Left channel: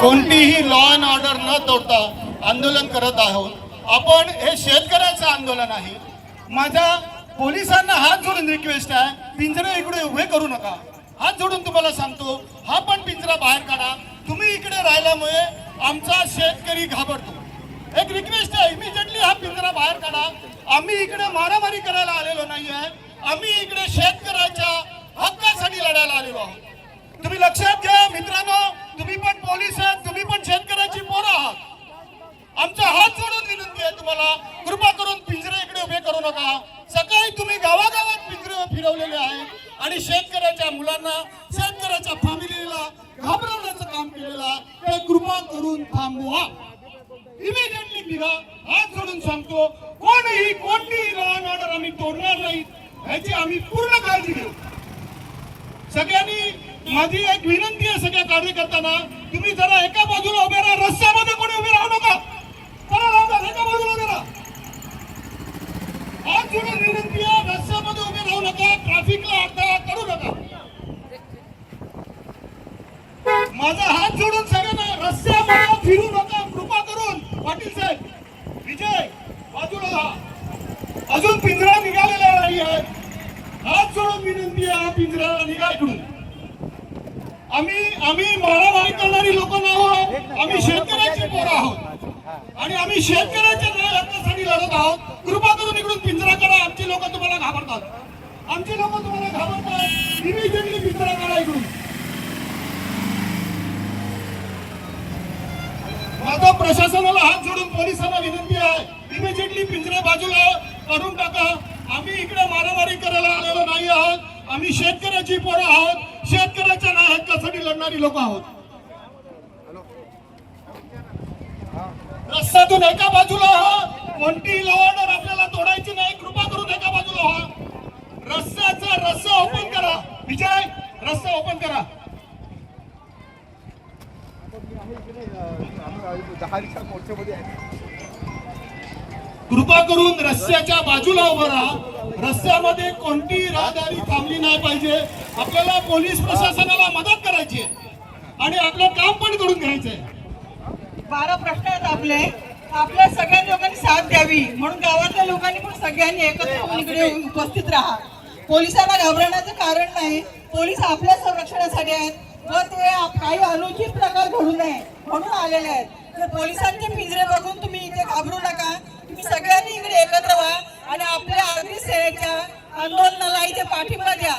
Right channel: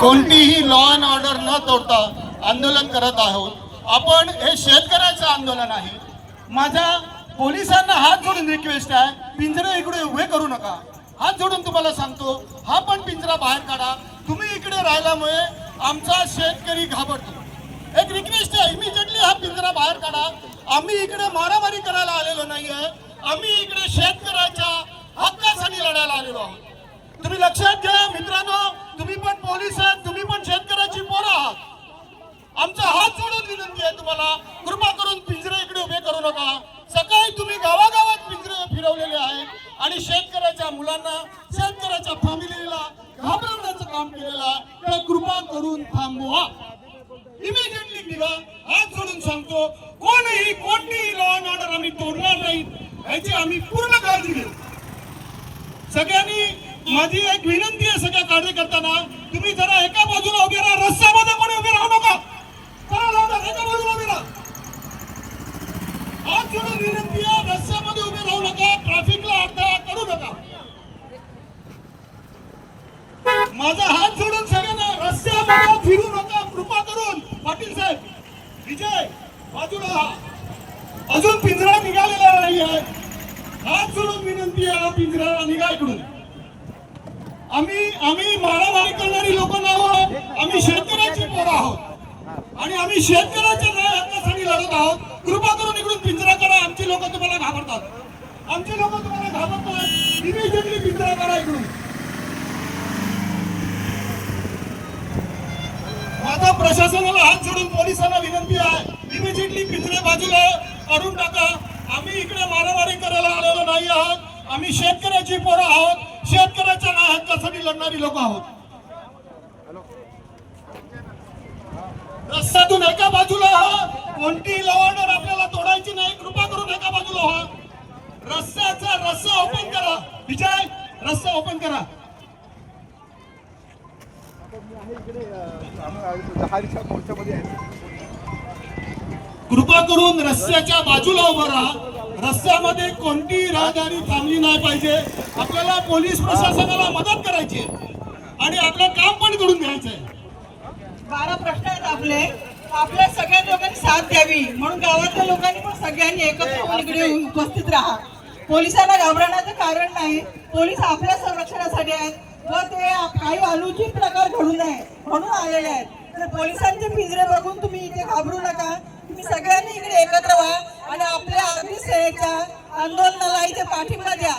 कोणतीही law and order न तोडता आंदोलन करत आहोत. आपण हे शेतकऱ्याचं आंदोलन आहे. माझ्या पोलिसांना हात जोडून रिक्वेस्ट आहे, पिंजरे इकडे उभे करू नका. हात जोडून तुम्हाला सांगतो, हा पण पिंजरा बाहेर काढा. तुम्ही इकडे राहिल्यामुळे आमचा शेतकरी घाबरतो. एक रिक्वेस्ट आहे, इमिजिएटली हा पिंजरा बाहेर काढा. आम्ही इकडे मारामारी करायला आलेलो नाही आहे, आम्ही इकडे शेतकऱ्याच्या हक्कासाठी लढायला आलेलो आहोत. तुम्ही लक्षात घ्या मित्रांनो, तुम्ही पण पोलीस आहात, तुम्ही पण शेतकऱ्याची पोरं आहात. आमचा हात जोडून विनंती आहे तुम्हाला, कृपा करून पिंजरे इकडे उभे करू नका. सकाळी तुम्ही गावागावात पिंजरे फिरवलेले आहेत आणि शेतकऱ्याच्या मुलांना, शेतकऱ्याच्या फॅमिलीला घाबरवण्याचं काम केलेलं आहे. ते कृपा करून थांबवा, इमिजिएटली निघा. हात जोडून सांगतो, कोणतीही लॉ अँड ऑर्डर आम्ही तोडणार नाही याची आम्ही पूर्ण काळजी घेऊ. सगळ्यांनी माझी एक विनंती आहे सगळ्या कार्यकर्त्यांना, तुम्ही जरा एका बाजूला उभे राहा, रस्त्यामध्ये कोणी उभे राहू नका. एका बाजूला उभे राहा. हात जोडून विनंती आहे, रस्त्यामध्ये उभे राहू नका, ट्रॅफिकला अडथळा करू नका. माझा हात जोडून सगळ्यांना, रस्त्यामध्ये फिरू नका कृपा करून. पाटील साहेब, विजय बाजूला राहा. अजून पिंजरा निघालेला नाही आहे. हात जोडून विनंती आहे, पिंजरा निघा इकडून. आम्ही मारामारी करणारी लोक नाही, आम्ही शेतकऱ्याची पोरं आहोत आणि आम्ही शेतकऱ्याच्या न्याय हक्कासाठी लढत आहोत. कृपा करून इकडून पिंजरा करा. आमची लोक तुम्हाला घाबरतात, आमची लोक तुम्हाला घाबरतात. इमिजिएटली पिंजरा करा इकडून. माझा प्रशासनाला हात जोडून पोलिसांना विनंती आहे, इमिजिएटली पिंजरे बाजूला काढून टाका. आम्ही इकडे मारामारी करायला आलेलो नाही आहोत, आम्ही शेतकऱ्याची पोरं आहोत, शेतकऱ्याच्या न्याय हक्कासाठी लढणारी लोक आहोत. रस्त्यातून एका बाजूला हा. कोणती लॉ ऑर्डर आपल्याला तोडायची नाही, कृपा करून एका बाजूला हा. रस्ता ओपन करा. विजय, रस्ता ओपन करा. कृपा करून रस्त्याच्या बाजूला उभं राहा. रस्त्यामध्ये कोणतीही रहदारी थांबली नाही पाहिजे. आपल्याला पोलीस प्रशासनाला मदत करायची आणि आपलं काम पण करून घ्यायचंय. 12 प्रश्न आहेत आपल्या सगळ्या लोकांनी साथ द्यावी म्हणून गावातल्या लोकांनी पण सगळ्यांनी एकत्र होऊन इकडे उपस्थित राहा. पोलिसांना घाबरण्याचं कारण नाही, पोलीस आपल्या संरक्षणासाठी आहेत व ते काही अनुचित प्रकार घडू नये म्हणून आलेले आहेत. तर पोलिसांचे पिंजरे बघून तुम्ही इथे घाबरू नका. तुम्ही सगळ्यांनी इकडे एकत्र व्हा आणि आपल्या अगदी सेवेच्या आंदोलनाला इथे पाठिंबा द्या.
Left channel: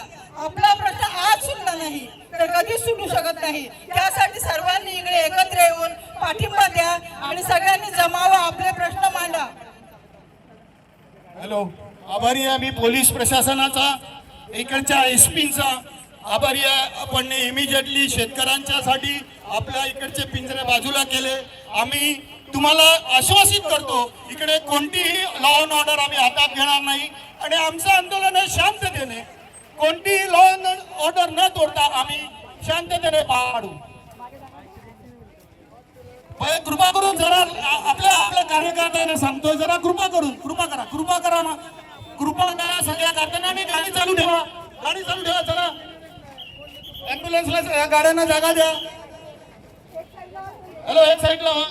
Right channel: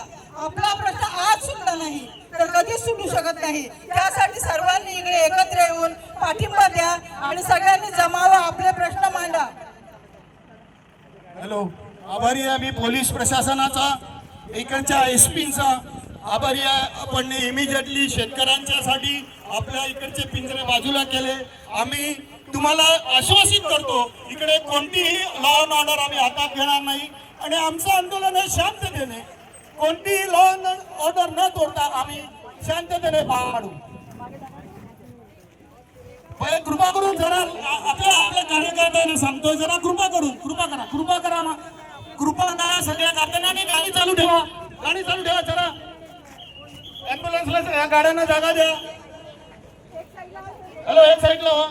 आपला प्रश्न आज सुटला नाही तर कधीच सुटू शकत नाही. त्यासाठी सर्वांनी इकडे एकत्र येऊन पाठिंबा द्या आणि सगळ्यांनी जमावा, आपले प्रश्न मांडा. हॅलो, आभारी आहे मी पोलीस प्रशासनाचा, इकडच्या एसपीचा आभारी आहे. आपण इमिजिएटली शेतकऱ्यांच्यासाठी आपल्या इकडचे पिंजरे बाजूला केले. आम्ही तुम्हाला आश्वासित करतो, इकडे कोणतीही लॉ अँड ऑर्डर आम्ही हातात घेणार नाही आणि आमचं आंदोलन हे शांततेने, कोणतीही लॉ अँड ऑर्डर न तोडता आम्ही शांततेने पार पाडू. कृपा करून जरा आपल्या कार्यकर्त्यांना सांगतो, जरा कृपा करा ना, कृपा करा. सगळ्या कारखान्यांनी गाडी चालू ठेवा, जरा ॲम्ब्युलन्सला गाड्यांना जागा द्या. हॅलो, एक साईडला व्हा.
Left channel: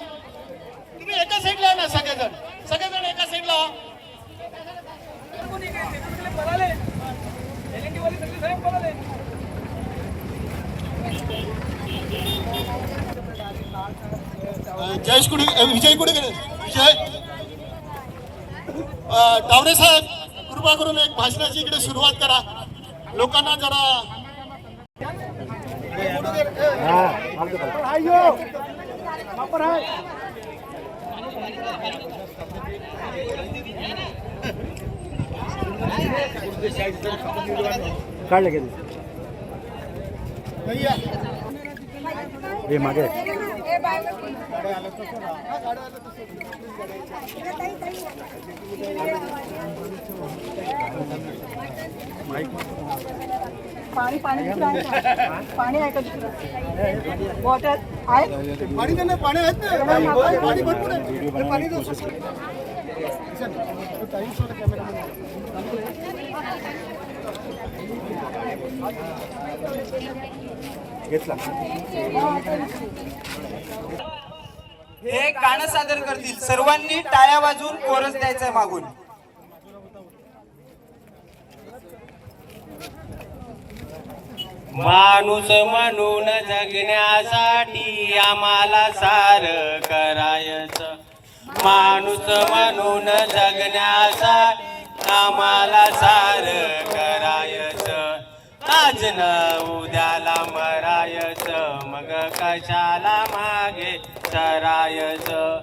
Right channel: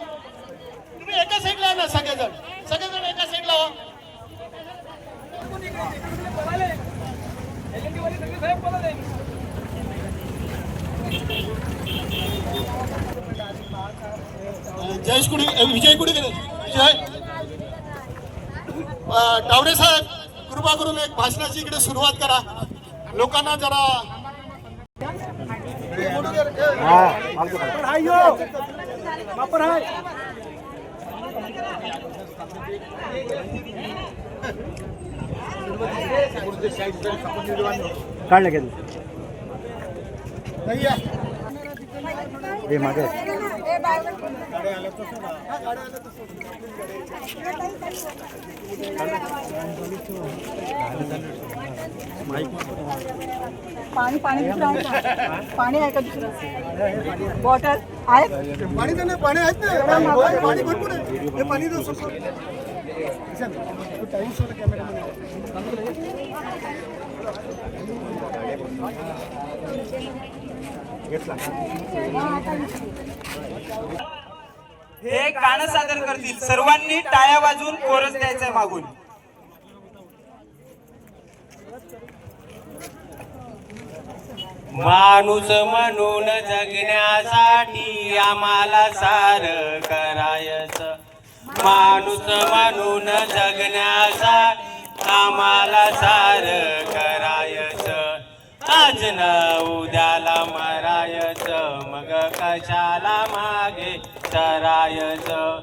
तुम्ही एका साईडला ना, सगळेजण एका साईडला व्हा. जयेश कुठे, विजय कुठे गेले? विजय टावरे साहेब, कृपा करून एक भाषणाची इकडे सुरुवात करा. लोकांना जरा काढले गेले हे मागे पाणी आहे का दुसरं? वॉटर आहे? पाणी आहेत ना, पाणी भरपूर आहे. हे पाणी घेतला. हे गाणं सादर करतील. सर्वांनी टाळ्या वाजवून कोरस द्यायचंय मागून. माणूस म्हणून जगण्यासाठी आम्हाला सारं करायचं. माणूस म्हणून जगण्यासाठी आम्हाला सारं करायचं. आज न उद्याला मरायचं, मग कशाला मागे सरायचं.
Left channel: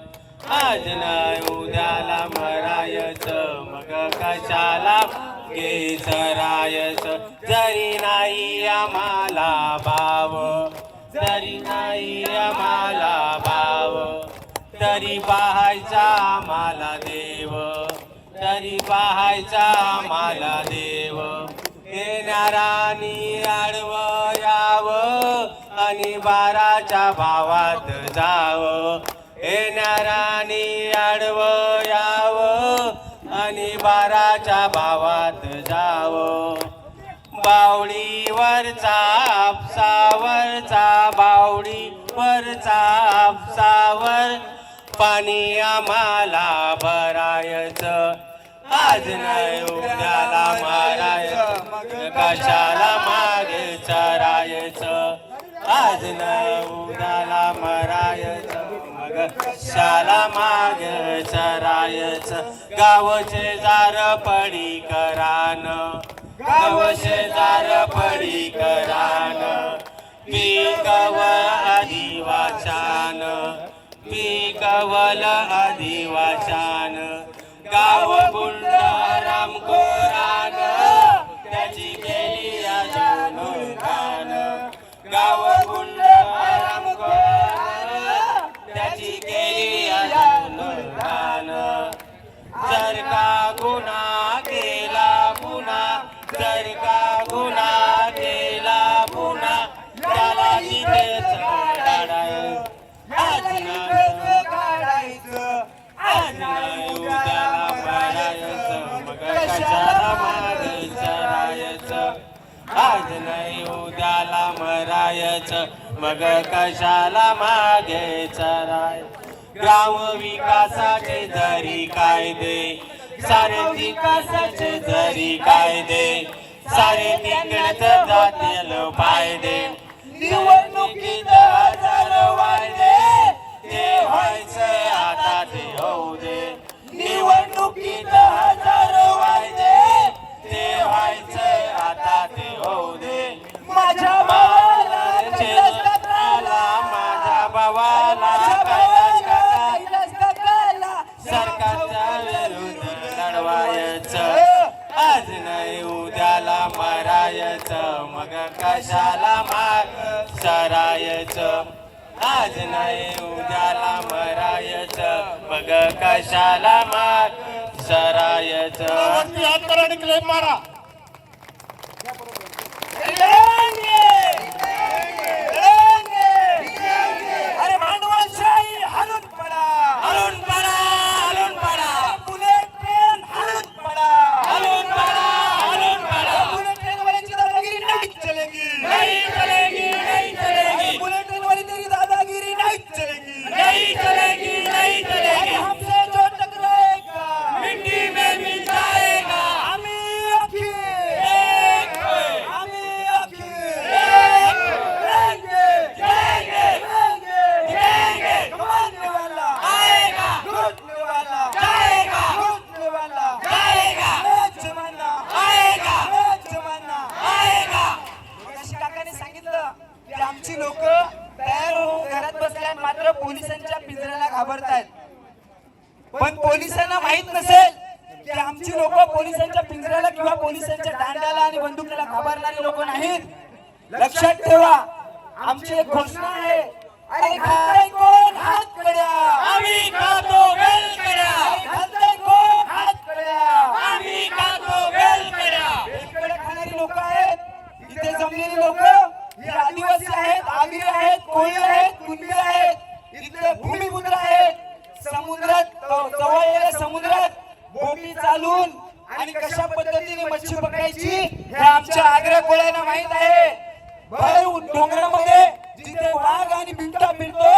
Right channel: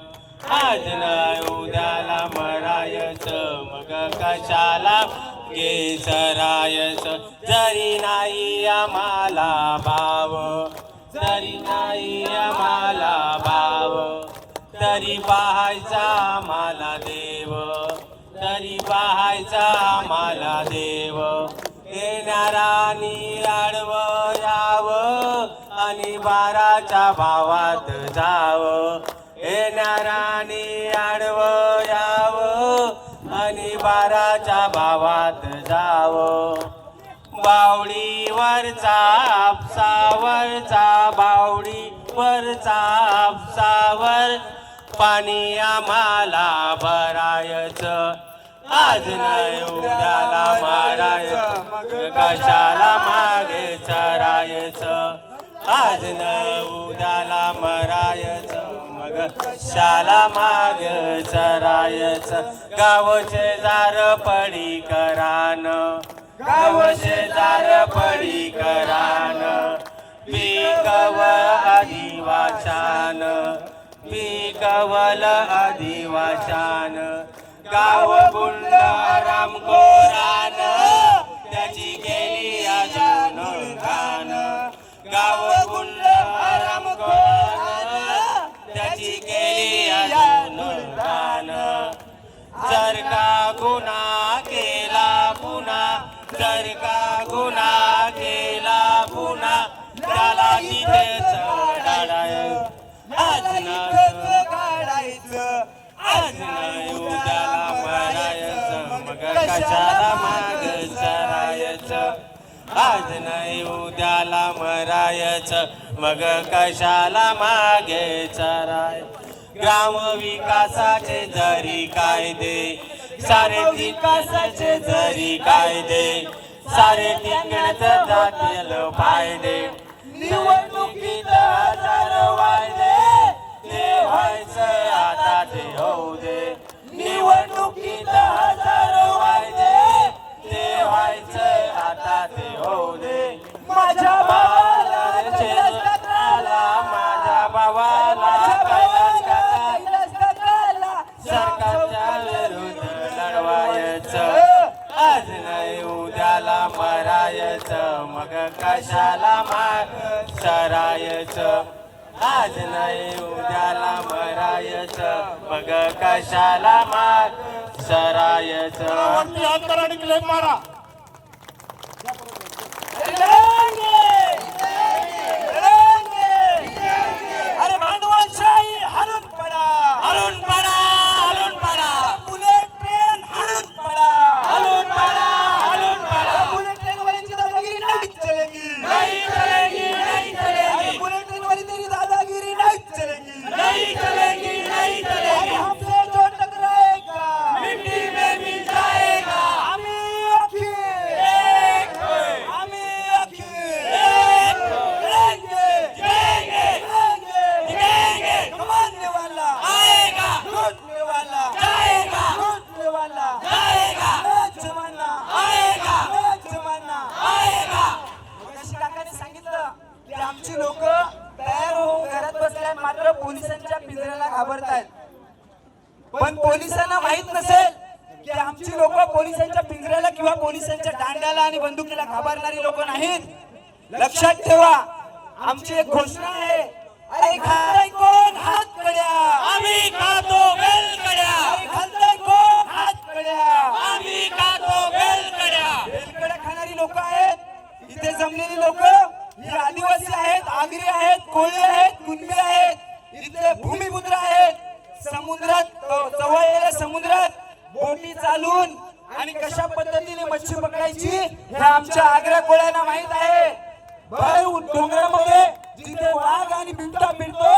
आज न उद्याला मरायचं, मग कशाला मागे सरायचं. जरी नाही आम्हाला भाव, जरी नाही आम्हाला भाव, तरी पाहायचा आम्हाला देव, तरी पाहायचा आम्हाला देव. येणारानी आडवं यावं आणि बाराच्या भावात जावं. येणारानी आडवं यावं आणि बाराच्या भावात जावं. बावडीवरचा आपसावरचा, बावडीवरचा आपसावर पाणी आम्हाला भरायचं. आज नाही उद्याला मारायचं, मग कशाला मागे चरायचं. आज नाही उद्याला मरायचं, मग कशाला मागे चरायचं. गाव शेजार पडी करान, गाव शेजार पडी करान, पिकव आदिवासान, पिकवल आदिवासान. गाव बुंड रामकोरान, त्याची गेली अजून घाण. गाव बुंड रामकोरान, त्याची गेली अजून घाण. जर का गुन्हा केला पुन्हा, जर का गुन्हा केला पुन्हा, त्याला तिथेच काढायचं. आज नाही काढायचं, आज नाही उद्याला मारायचं, मग कशाला मागे चरायचं. आज नाही उद्याला मरायचं, मग कशाला मागे चरायचं. ग्राम विकासाचे जरी कायदे, सारे विकासाचे जरी कायदे, सारे तिकडच जातील फायदे. निवडणुकीत हजारो वायदे, ते व्हायचं आता ते होऊ दे. निवडणुकीत हजारो वायदे, ते व्हायचं आता ते होऊ दे. माझ्या भावाला आला, माझ्या भावाला सरकारच्या विरुद्ध लढवायचं. आज नाही उद्याला मरायचं, मग कशाला माग सरायचं. आज नाही उद्याला मरायचं, मग कशाला माग सरायचं. हात करा आणि क्लेम मारा. अरे भांडवलशाही हलून पडा, हलून पडा, हलून पडा, बुलेट ट्रेन हलून पडा, हलून पडा, हलून पडा. बुलेट ट्रेन वाली दादागिरी नहीं चलेगी, नहीं चलेगी, नहीं चलेगी, बुलेट ट्रेन वाली तेरी दादागिरी नहीं चलेगी, नहीं चलेगी, नहीं चलेगी. हमसे जो टकराएगा मिट्टी में मिल जाएगा. हमें अखी, एक हमें अखी लेंगे, लेंगे, लेंगे. कमाने वाला आएगा, लूटने वाला जाएगा, लूटने वाला जाएगा, जमाना आएगा, जमाना. आएगा. मगाशी काकाने सांगितलं की आमची लोक तयार होऊन घरात बसल्या, मात्र पोलिसांच्या पिंजऱ्याला घाबरतायत. पण पोलिसांना माहित नसेल की आमची लोक पोलिसांच्या पिंजऱ्याला किंवा पोलिसांच्या दांड्याला आणि बंदुकीला घाबरणारी लोक नाहीत. लक्षात ठेवा, आमची एक घोषणा आहे. अरे खाताय कोण हात कड्या, आम्ही खातो वेलकड्या, अरे खाताय कोण हात कड्या. आम्ही खातो वेलकड्या. वेलकडे खाणारी लोक आहेत. इथे जमलेली लोक ही आदिवासी आहेत, आगरी आहेत, कोळी आहेत, कुणबी आहेत. इथले भूमिपुत्र आहेत. समुद्रात जवळच्या समुद्रात बोटी चालून आणि कशा पद्धतीने मच्छी पकडायची हे आमच्या आग्रा कोळ्यांना माहित आहे. भर डोंगरामध्ये जिथे वाघ आणि बिबटा फिरतो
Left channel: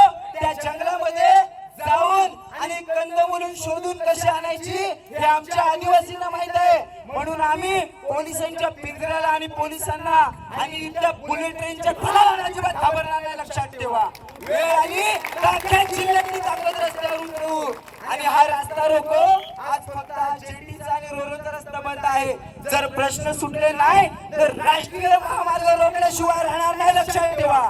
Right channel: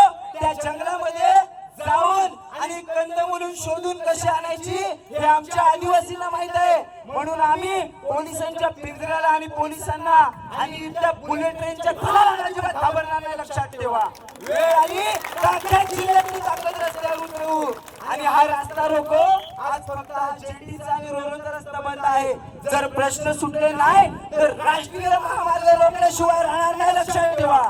आमच्या आदिवासींना माहित आहे, म्हणून आम्ही पोलिसांच्या पिंजऱ्याला आणि पोलिसांना आणि इथल्या बुलेट ट्रेनच्या खुणाला अजिबात घाबरणार नाही. लक्षात ठेवा, वेळ आली ताकद जिल्ह्यातली ताकद रस्त्यावर उतरवू. आणि हा रस्ता रोको आज फक्त जेटीचा आणि रोलरचा रस्ता बंद आहे. जर प्रश्न सुटले नाही तर राष्ट्रीय महामार्ग रोखल्याशिवाय राहणार नाही. लक्षात ठेवा.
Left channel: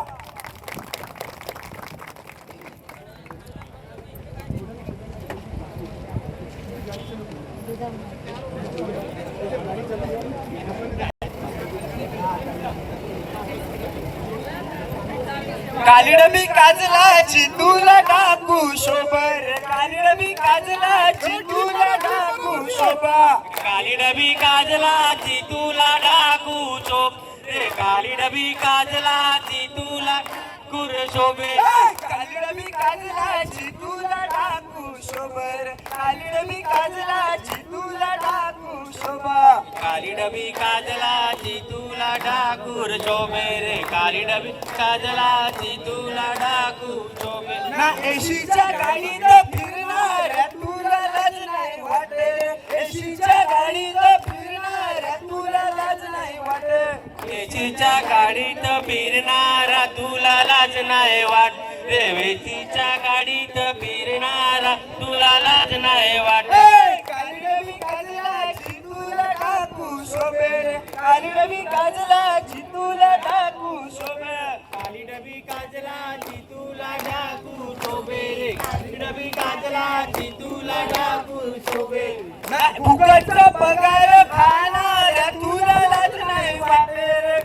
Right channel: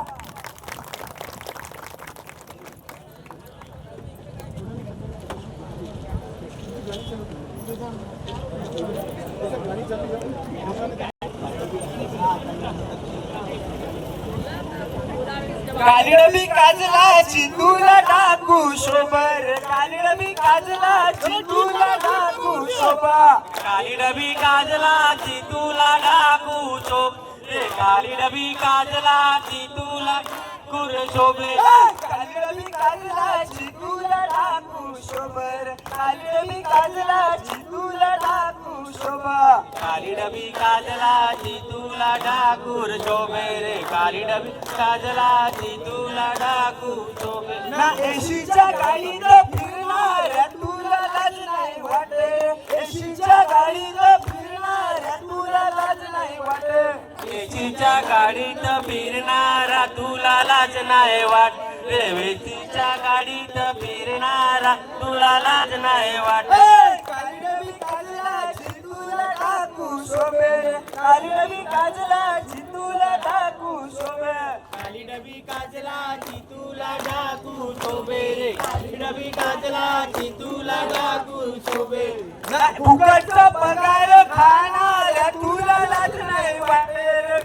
कालीडबी काजलाची तुला टाकू शोभर, कालीडबी काजलाची तुला टाकू शोभा. काली डबी काजलाची तुला डाकू शोभ रे, काली डबी काजलाची तुला कुर शोभे. कालीडबी काजलाची तुला टाकू शोभर, कालीडबी काजलाची तुला टाकू शोभा. काली डबी काजलाची तुला डाकूर शोभे रे, काली डबी काजलाची तुला डाकू शोभे. ना एशीच्या गाडीत फिरणार तुला लाज नाही वाटे, एशीच्या गाडीत फिरणार तुला लाज नाही वाटे. वेचीच्या गाडीत फिरणारा तुला लाज नाही वाट रे, वेचीच्या गाडीत फिरणारा तुला लाज नाही वाट. कालीडबी काजलाची तुला टाकू शोभे, कालीडबी काजलाची तुला टाकू शोभे. काली डबी काजलाची तुला डाकू शोभे रे, काली डबी काजलाची तुला डाकू शोभे. फुकटचा पगार खाणार तुला लाज नाही वाटे रे,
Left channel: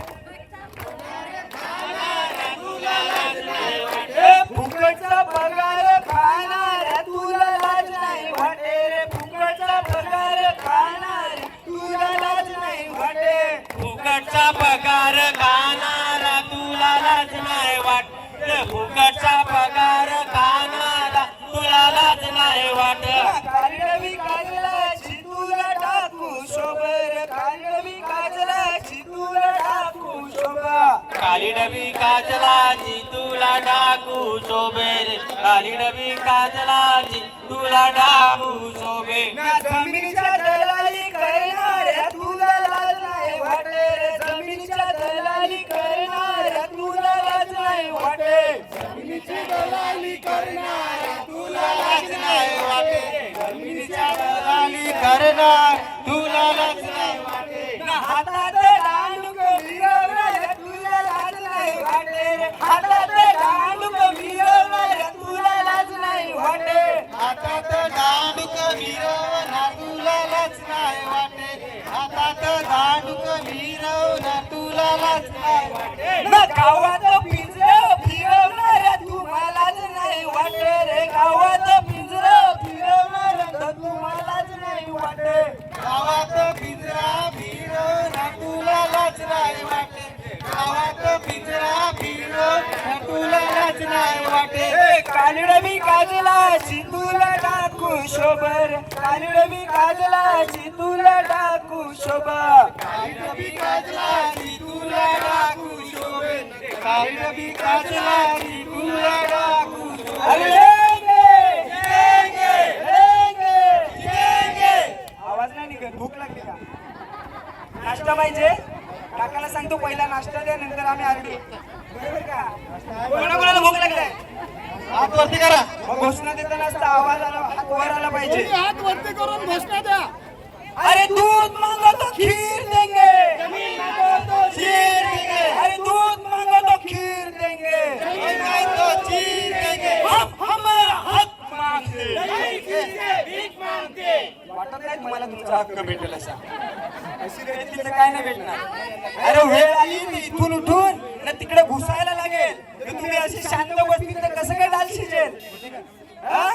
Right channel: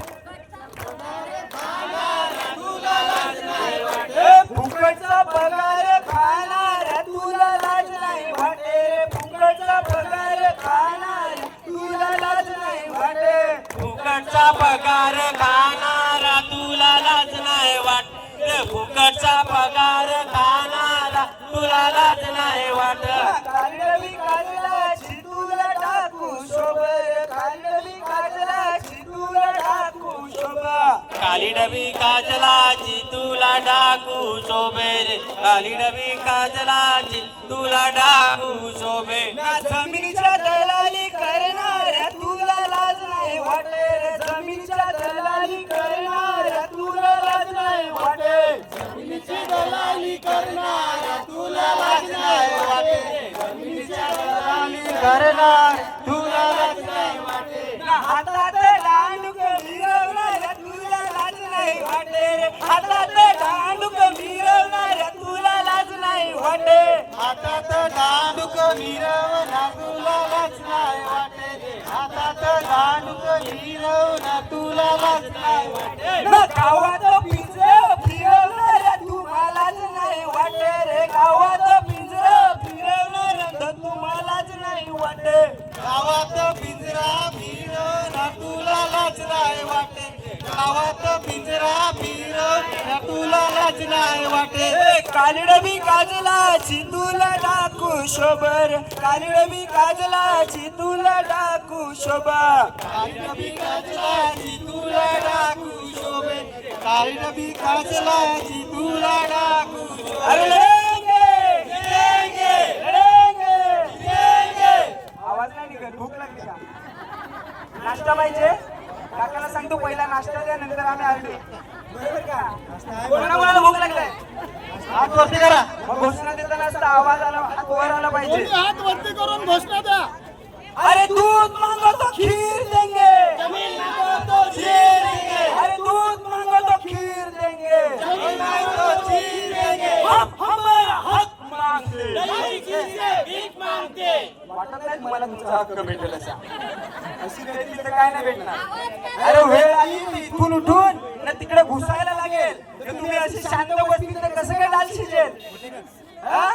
फुकटचा पगार खाणार तुला लाज नाही वाटे रे, फुकटचा पगार खाणार तुला लाज नाही वाटे. फुकटचा पगार खाणारा तुला लाज नाही वाट रे, फुकटचा पगार खाणारा तुला लाज नाही वाट. कालीडबी काजलाची तुला टाकू शोभर, कालीडबी काजलाची तुला टाकू शोभा. काली डबी काजलाची तुला डाकू शोभे रे, काली डबी काजलाची तुला डाकू शोभे. जमिनीच्या दलाली करणाऱ्या तुला लाज नाही वाटे रे, जमिनीच्या दलाली करणाऱ्या तुला लाज नाही वाटे. जमिनीची दलाली करणाऱ्या तुला लाज नाही वाटे, जमिनीच्या दलाली करणार तुला लाज नाही वाटे. हातात दांडूक मिरवणाऱ्या तुला लाज नाही वाटे रे, हातात दांडूक मिरवणाऱ्या तुला लाज नाही वाटे. हातात दांडूक मिरवणा तुला लाज नाही वाटे, हातात दांडूक मिरवणा तुला लाज नाही वाटे. गावात पिंजरं फिरवणाऱ्या तुम्हालाच नाही वाटे रे, गावात पिंजरं फिरवणाऱ्या तुम्हालाच नाही वाटे. गावात पिंजरा फिरवणा तुला लाज नाही वाटे, गावात पिंजरा फिरवणा तुला लाज नाही वाटे. कालीडबी काजलाची तुला टाकू शोभर, कालीडबी काजलाची तुला टाकू शोभा. कालीडबी काजलाची तुला टाकू शोभे, कालीडबी काजलाची तुला टाकू शोभे. आवाज नाही निघत, भूक लागते का? नाश्ता पाहिजे? काकाला सांगतो पहिला नाश्ता द्या, नंतर आम्ही आरडी. बरोबर का? कोणाकोणाला भूक लागलाय? हात वरती करा. मग घोषणा देताना असता आवाज आला, हात वर आला पाहिजे. हात वरती करून घोषणा द्या. अरे दूध मांगो तो खीर देंगे, जमीन मांगो तो खीर देंगे. अरे दूध मांगो तो खीर देंगे, जमीन मांगो तो खीर देंगे. हम हमारा हक मांगते, भीक मागते. वाटत नाही तुम्हाला तुमचा हक्क भेटेल असा. अशी भेटली तर काय नाही भेटणार. अरे वेळ आली इथून उठून ना तिकडे घुसायला लागेल. तर तुम्ही अशी शांत बसली तर कसं काय डाल शिजेल? हा?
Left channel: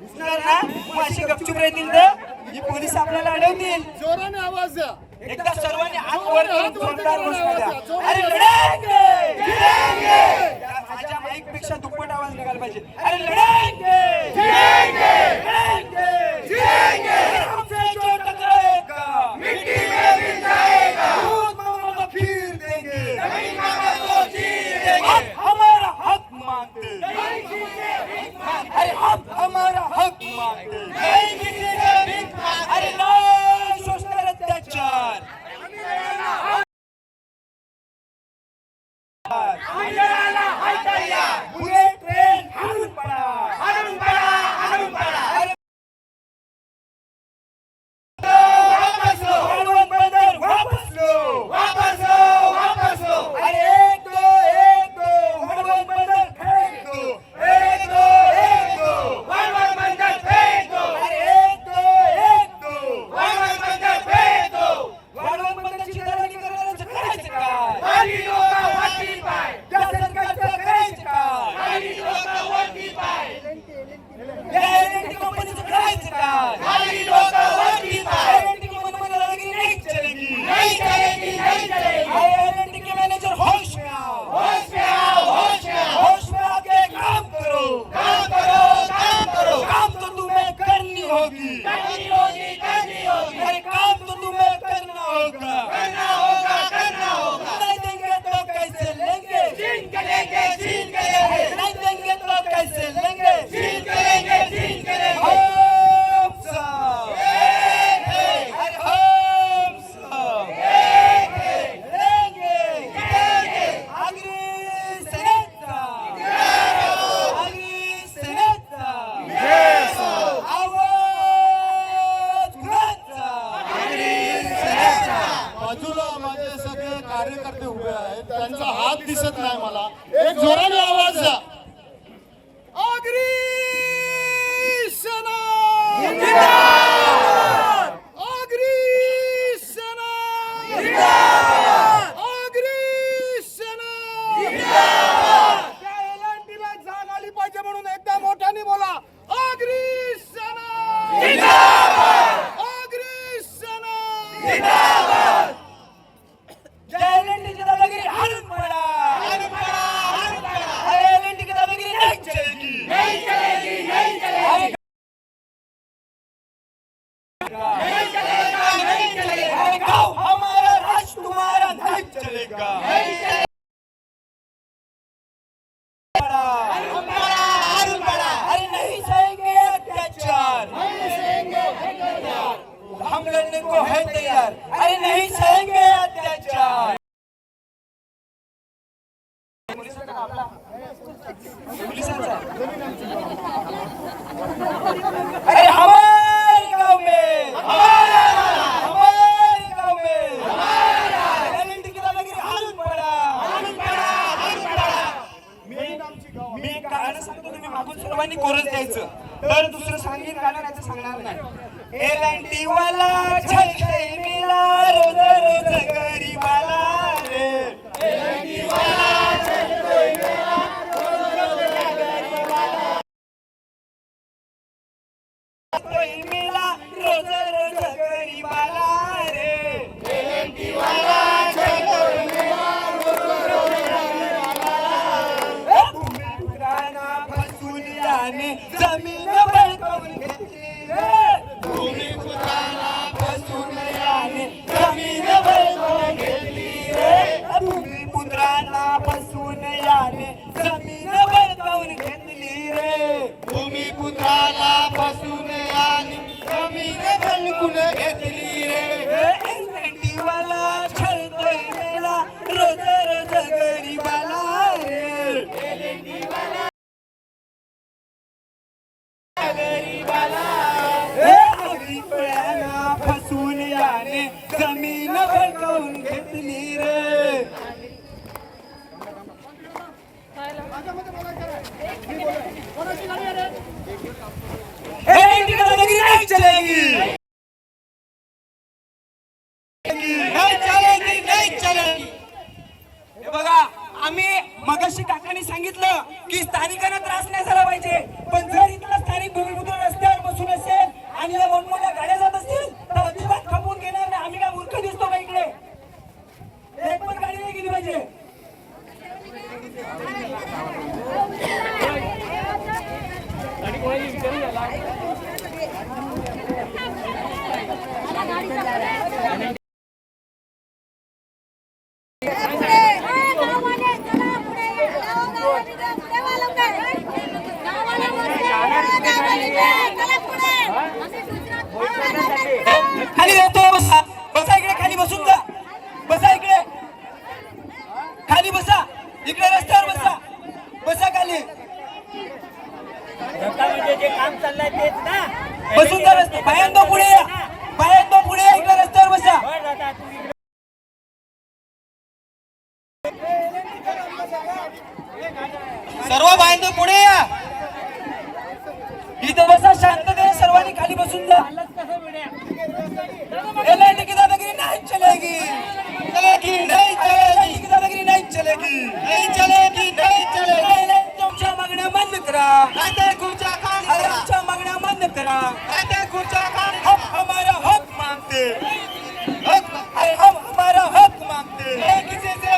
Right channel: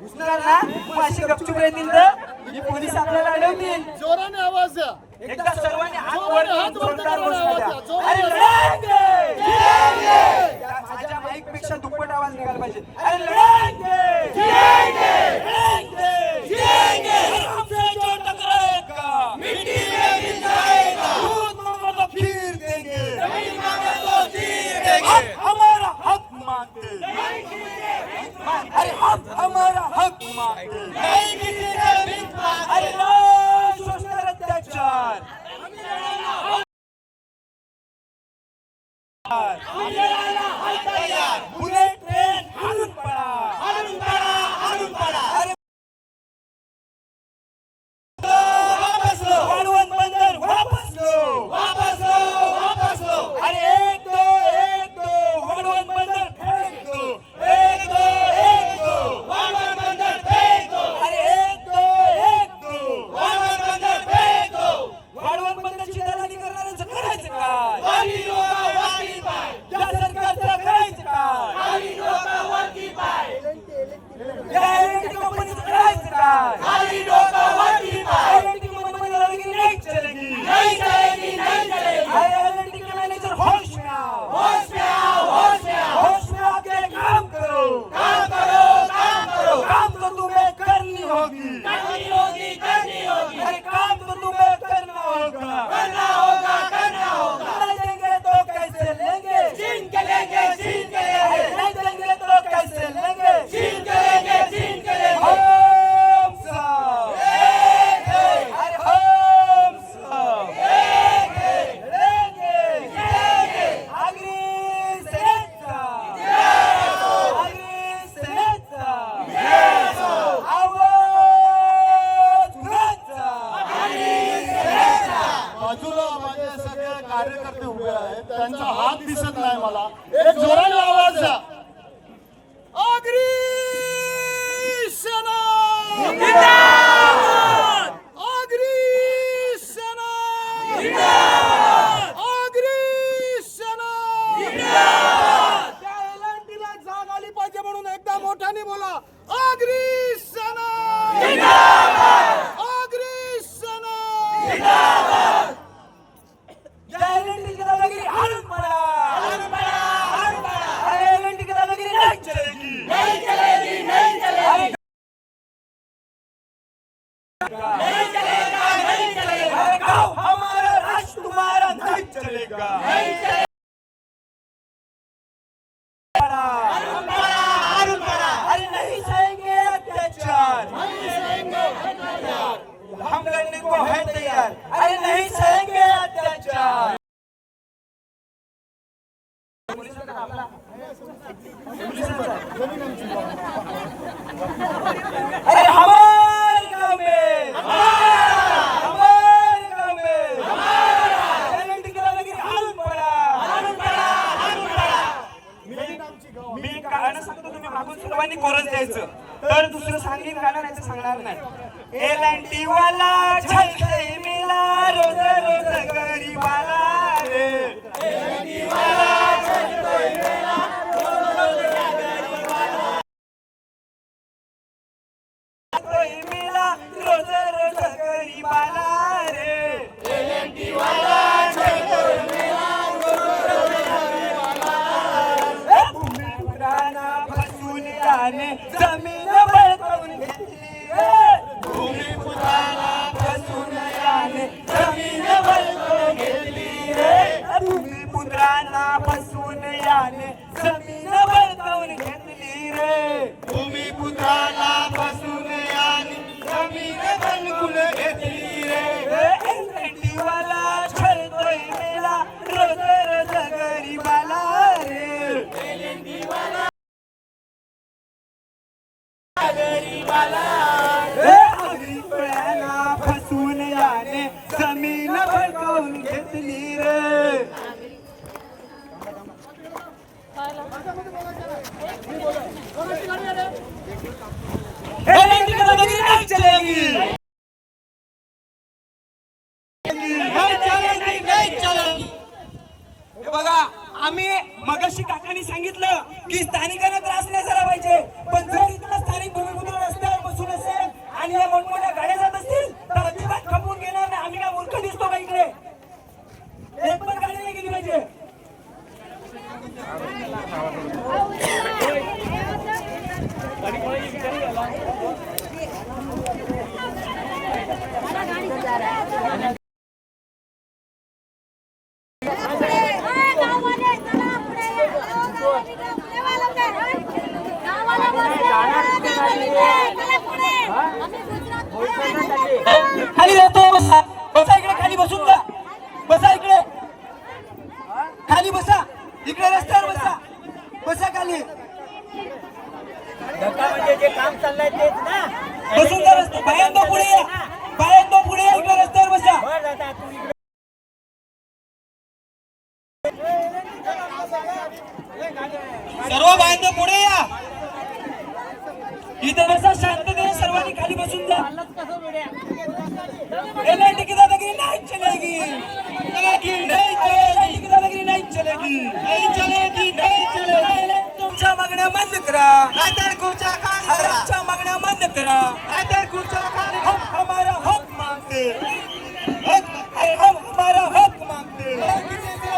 घुसणार ना? मग अशी गपचूप राहतील तर ही पोलीस आपल्याला अडवतील. जोराने आवाज द्या. एकदा सर्वांनी हात वर करून जोरदार घोषणा द्या. जोराने अरे लढेंगे, जिंकेंगे. त्या माझ्या माईक पेक्षा दुप्पट आवाज निघाला पाहिजे. अरे लढेंगे, जिंकेंगे, जिंकेंगे. हमसे जो टकराएगा मिट्टी में मिल जाएगा. दूध मांगो तो खीर देंगे, जमीन मांगो तो खीर देंगे. हम हमारा हक मांगते, अरे हम हमारा हक मांगते. पड़ा, अरे नहीं सहेंगे अत्याचार, हम लड़ने को है तैयार, अरे नहीं सहेंगे अत्याचार। अरे हमारे गांव में, हमारे गांव में हारून पडा। मी गाणं सांगतो, तुम्ही मागून सर्वांनी कोरस द्यायचं, तर दुसरं सांगेन गाणं नाही तर सांगणार नाही। एलएनटी वाला छळतोय मेला रोज रोज गरीबाला रे, एलएनटी वाला छळतोय मेला रोज रोज गरीबाला, मेला रोज रोज गरीबाला रे, एलएनटी वाला छळतोय मेला रोज रोज गरीबाला। भूमिपुत्रांना फसवून याने जमीन बळकावून घेतली रे, भूमिपुत्रांना फसवून याने जमीन बळकावून घेतली रे, भूमिपुत्रांना फसवून याने जमीन बळकावून घेतली रे, भूमिपुत्राला फसवून याने जमीन बळकावून घेतली रे। एलएनटीवाला छळतोय मेला रोज रोज गरीबाला रे, एलएनटीवाला गरीबाला रे, गरीबाला फसवून याने जमीन बळकावून घेतली रे। एलएनटी दादागिरी नहीं चलेगी, नहीं चलेगी, नहीं चलेगी। हे बघा, आम्ही मगाशी काकांनी सांगितलं की स्थानिकांना त्रास नाही झाला पाहिजे, पण जर इथला स्थानिक भूमिपुत्र रस्त्यावर बसून असेल आणि या मोठमोठ्या गाड्या जात असतील तर अजिबात खपवून घेणार नाही। आम्ही काय मूर्ख दिसतो का इकडे? एक पण गाडी नाही गेली पाहिजे। खाली जातो, बसा बसा इकडे, खाली बसून जा, बसा इकडे, खाली बसा, इकडे रस्त्यावर बसा, बसा खाली, म्हणजे जे काम चाललंय तेच ना, बसून जा रस्ते, बायांनो पुढे या, बायांनो पुढे या, इकडे रस्त्यावर बसा, सर्व बायांनो पुढे या, इथे बसा, शांततेने सर्वांनी खाली बसून जा। एलएनटी की दादागिरी नहीं चलेगी, चलेगी नहीं चलेगी, की दादागिरी नहीं चलेगी, नहीं चलेगी, नहीं चलेगी। तुमच्या मागण्या बंद करा, नाहीतर खुर्च्या खाली करा, आमच्या मागण्या बंद करा, नाहीतर खुर्च्या खाली। हम हमारा हक मांगते, हम हमारा हक मांगते, किसी से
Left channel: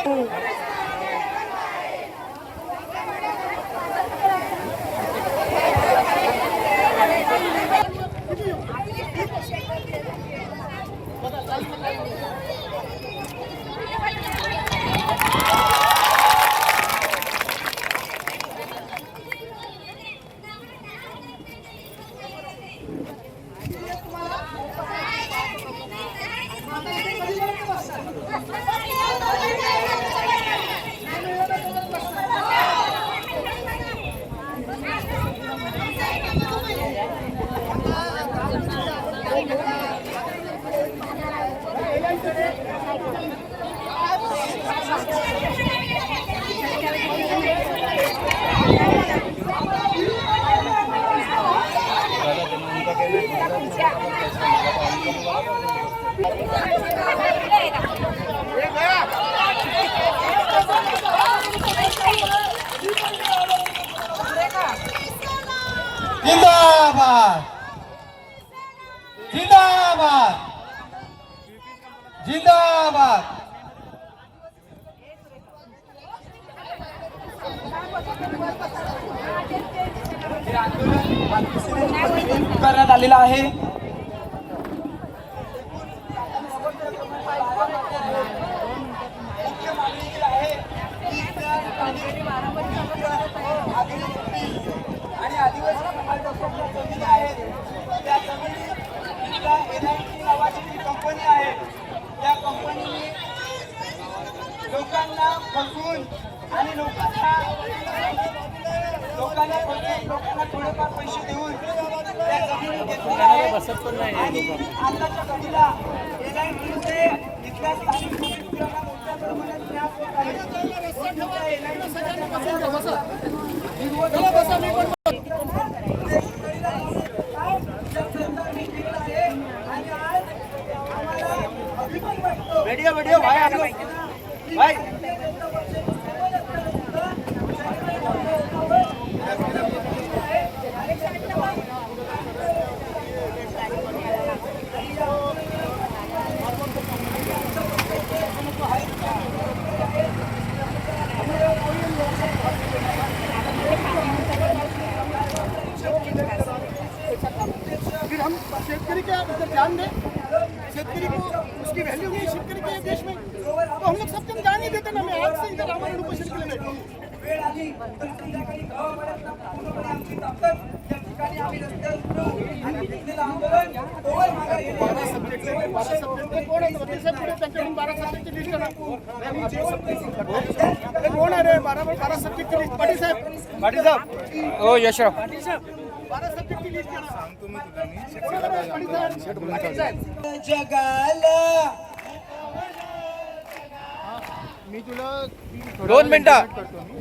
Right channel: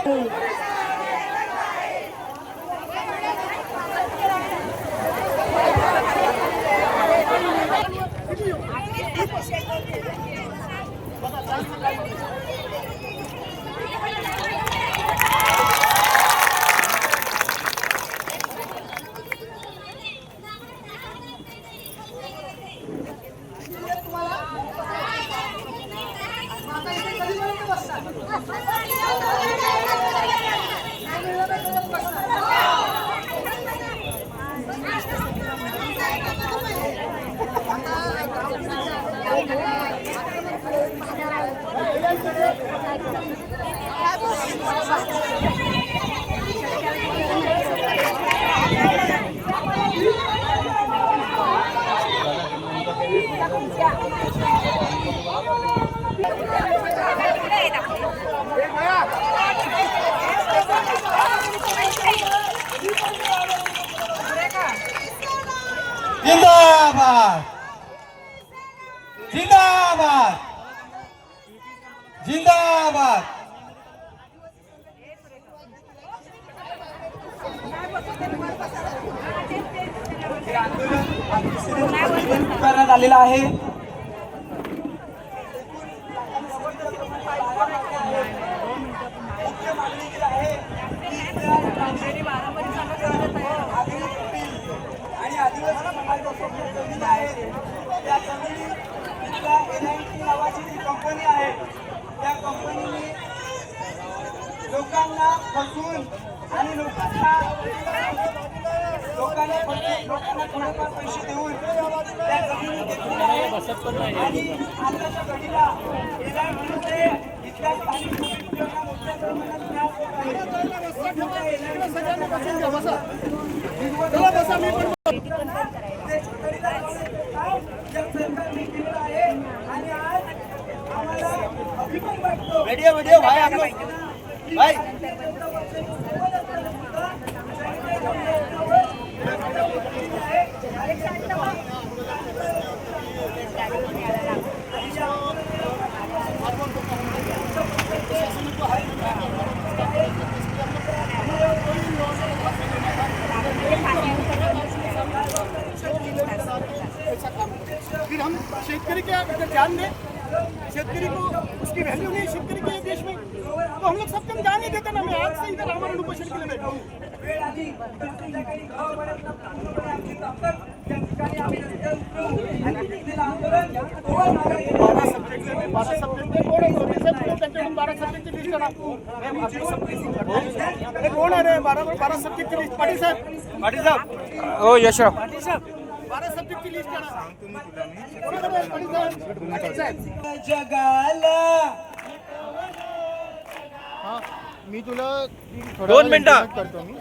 जिंदाबाद, जिंदाबाद, जिंदाबाद। करण्यात आलेला आहे। मुख्य मागणी जी आहे ती बसून आणि लोकांना थोडेफार पैसे देऊन त्या जमिनी घेतलेल्या आहेत आणि आताच्या घडीला एलआयटीचे इथल्या स्थानिक मुलांना मोठ्या प्रमाणात त्रास होत आहे. मोठमोठ्या एलआयटीच्या ज्या गाड्या बनवतात, सरकारने केलेलं आहे आणि आज आम्हाला अभिमान वाटतो. व्हिडिओ व्हायला पाहिजे ना. फिर हम शेतकरी के ऊपर ध्यान दें, शेतकरी को उसकी वैल्यू नहीं शेतकरी के देश में, तो हम लोग सब कम ध्यान नहीं देते ना. मैं आज से इधर आमरण उपोषण के लिए बैठा हूँ. बारह सब्जेक्ट है, 12 सब्जेक्ट है. कौन है त्यांच्याकडून 12 सब्जेक्टची लिस्ट करा. मैं आपको सब कौन आहे रे 12 सब्जेक्टची लिस्ट? पाटील साहेब. ओ यशराव 12 सब्जेक्टची लिस्ट करा. जगाला मी तुला 2 मिनिटं. करतो मी.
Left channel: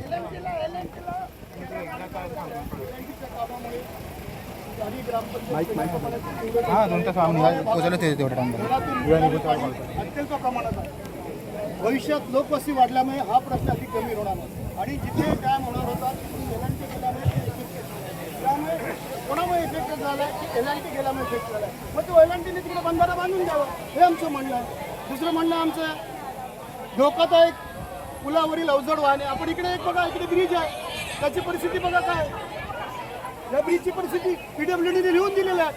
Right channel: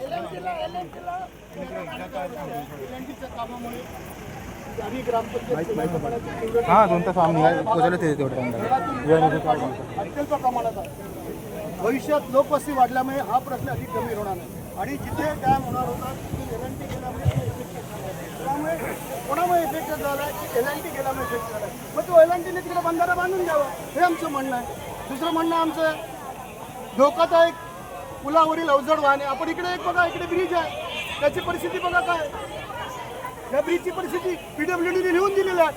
हा 2 तास आम्ही पोहोचले ते तेवढं अत्यंत प्रमाणात आहे. भविष्यात लोकवस्ती वाढल्यामुळे हा प्रश्न अधिक गंभीर होणार आहे आणि जिथे काय होणार होता एलएनटी गेल्यामुळे त्यामुळे कोणामुळे इफेक्ट झाला की एलएनटी गेल्यामुळे इफेक्ट झाला. मग तो एलएनटीने तिकडे बंधारा बांधून द्यावा हे आमचं म्हणणं आहे. दुसरं म्हणणं आमचं धोकादायक पुलावरील अवजड वाहने. आपण इकडे एक बघा, इकडे ब्रिज आहे, त्याची परिस्थिती बघा काय. या ब्रिजची परिस्थिती PWDने लिहून दिलेली आहे,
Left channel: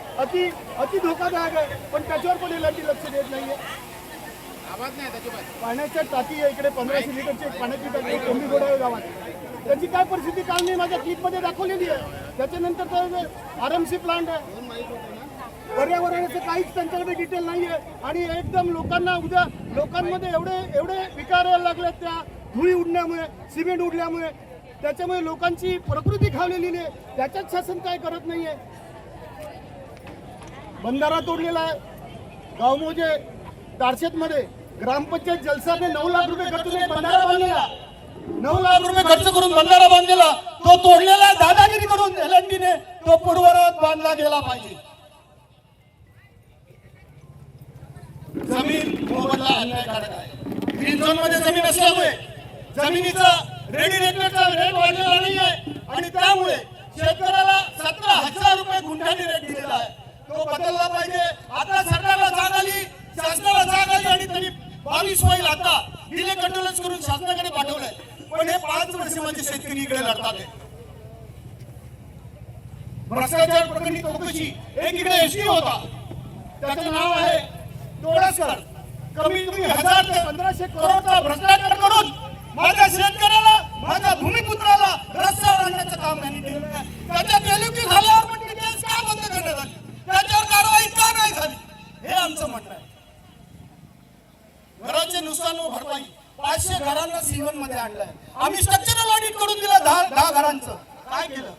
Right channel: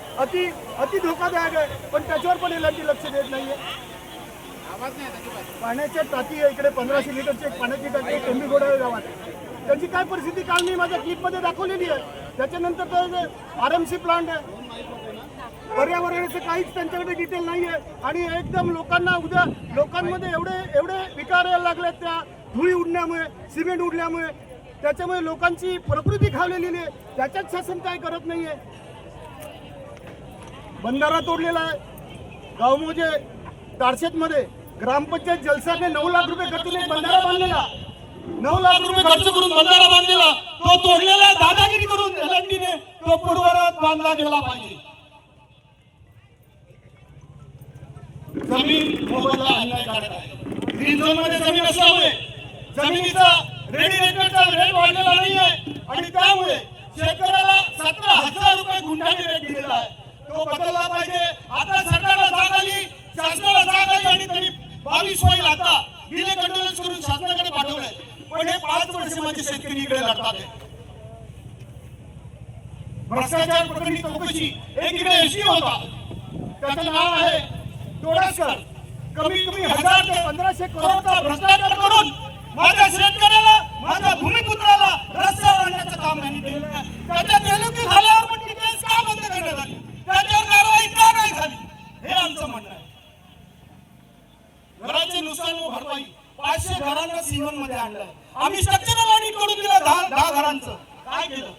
अति धोकादायक आहे, पण त्याच्यावर पण एलएनटी लक्ष देत नाहीये. पाण्याच्या टाकी आहे इकडे 1500 लिटरची एक पाण्याची टाकी आहे टेंबीगोडा गावात. त्याची काय परिस्थिती काल मी माझ्या क्लिपमध्ये दाखवलेली आहे. त्याच्यानंतर तो RMC प्लांट आहे. पर्यावरणाचं काहीच त्यांच्याकडे डिटेल नाही आहे आणि एकदम लोकांमध्ये एवढे विकार यायला लागले त्या धुळी उडण्यामुळे, सिमेंट उडल्यामुळे. त्याच्यामुळे लोकांची प्रकृती खावलेली आहे. त्याच्यात शासन काय करत नाहीये. बंधारा तोडलेला आहे. गावमोजे तारशेतमध्ये ग्रामपंचायत जलसाने 9 लाख रुपये खर्चून एक बंधारा बांधलेला. 9 लाख रुपये खर्च करून बंधारा बांधलेला. तो तोडलेला दादागिरी करून एलएनटीने तो पूर्ववत बांधला गेला पाहिजे. जमीन मोबदला अन्यायकारक आहे. ग्रीन झोन मध्ये जमीन असल्यामुळे जमिनीचा रेट वाढलेला नाहीये आणि त्यामुळे शेतकऱ्याला 17,000 रुपये गुंठाने रेट दिलेला आहे. तो बदलला पाहिजे. आता सरकारला जाग आली, शासनाला जाग आली आणि त्यांनी 22 होईल आता बिले कंट्रोलच करून शासनाकडे पाठवलंय. पण हे 5 वर्ष माझे शेतकरी इकडे लढतात. भ्रष्टाचार प्रकरणी चौकशी एकीकडे एसटी होता, त्याचं नाव आहे डोळसकर. कमी 1000 ते 1500 करोडचा भ्रष्टाचार करून माझ्या शेतकऱ्याला, माझ्या भूमिपुत्राला रस्त्यावर आणण्याचं काम त्यांनी केलं आहे. त्याच्या नियुक्ती झाल्यावर पण डिटेल्स का बंद करण्यात आली, त्याच्यावर कारवाई का नाही झाली, हे आमचं म्हणणं आहे. घराचे नुकसान व भरपाई 500 घरांना C1 मध्ये आणलंय. आम्ही स्ट्रक्चरल ऑडिट करून दिलं 10 घरांचं. काय केलं?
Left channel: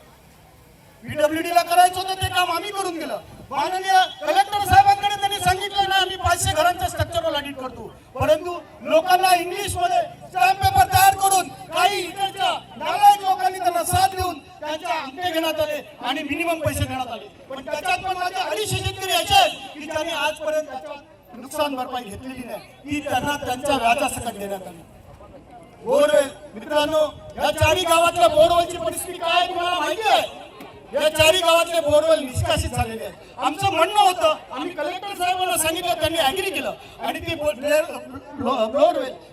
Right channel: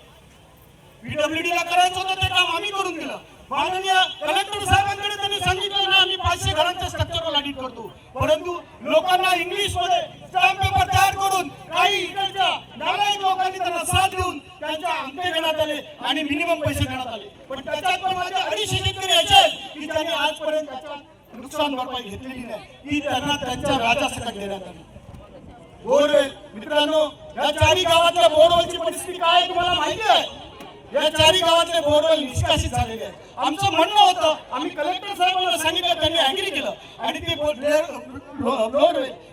PWD ला करायचं होतं ते काम आम्ही करून दिलं. माननीय कलेक्टर साहेबांकडे त्यांनी सांगितलं ना आम्ही 500 घरांचं स्ट्रक्चरल ऑडिट करतो. परंतु लोकांना इंग्लिश मध्ये स्टॅम्प पेपर तयार करून काही इकडच्या नालायक लोकांनी त्यांना साथ देऊन त्यांच्या अंगठे घेण्यात आले आणि मिनिमम पैसे देण्यात आले. पण त्याच्यात पण माझे 250 शेतकरी यायचे की त्यांनी आजपर्यंत त्याच्यात नुकसान भरपाई घेतलेली नाही, ती त्यांना त्यांच्या व्याजासकट देण्यात आली. बोरवेल मित्रांनो, या 4 गावातल्या बोरवेलची परिस्थिती काय तुम्हाला माहिती आहे? या 4 गावातले बोरवेल निष्कासित झालेले आहेत. आमचं म्हणणं होतं, आम्ही कलेक्टर साहेबांना सांगितलं, त्यांनी ऍग्री केलं आणि ते बोरवेल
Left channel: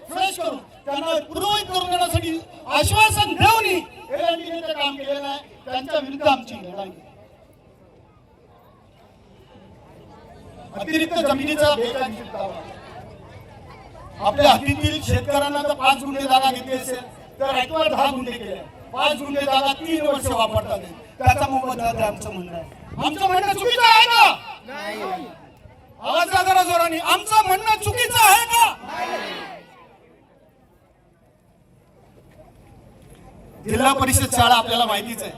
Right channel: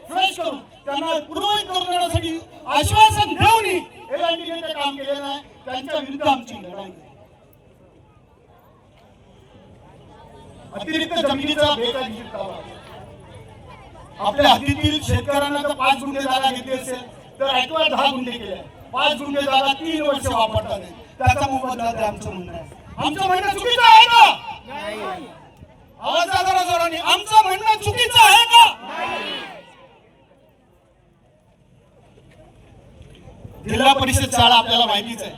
फ्रेश करून त्यांना पूर्ववत करून देण्यासाठी आश्वासन देऊनही एलआयटीने ते काम केलेलं आहे. त्यांच्या विरुद्ध आमची लढाई. अतिरिक्त जमिनीचा बेकायदेशीर दावा. आपल्या हद्दीतील शेतकऱ्यांना जर 5 गुंठे जागा घेतली असेल तर ऐकवा 10 गुंठे केले. 5 गुंठे जागा 3 वर्ष वापरतात, त्याचा मोबदला द्या आमचं म्हणणं आहे. आमचं म्हणणं चुकीचं आहे का? आवाज जरा जोराने. आमचं म्हणणं चुकीचं आहे का? जिल्हा परिषद शाळा आपल्याला माहितीच आहे,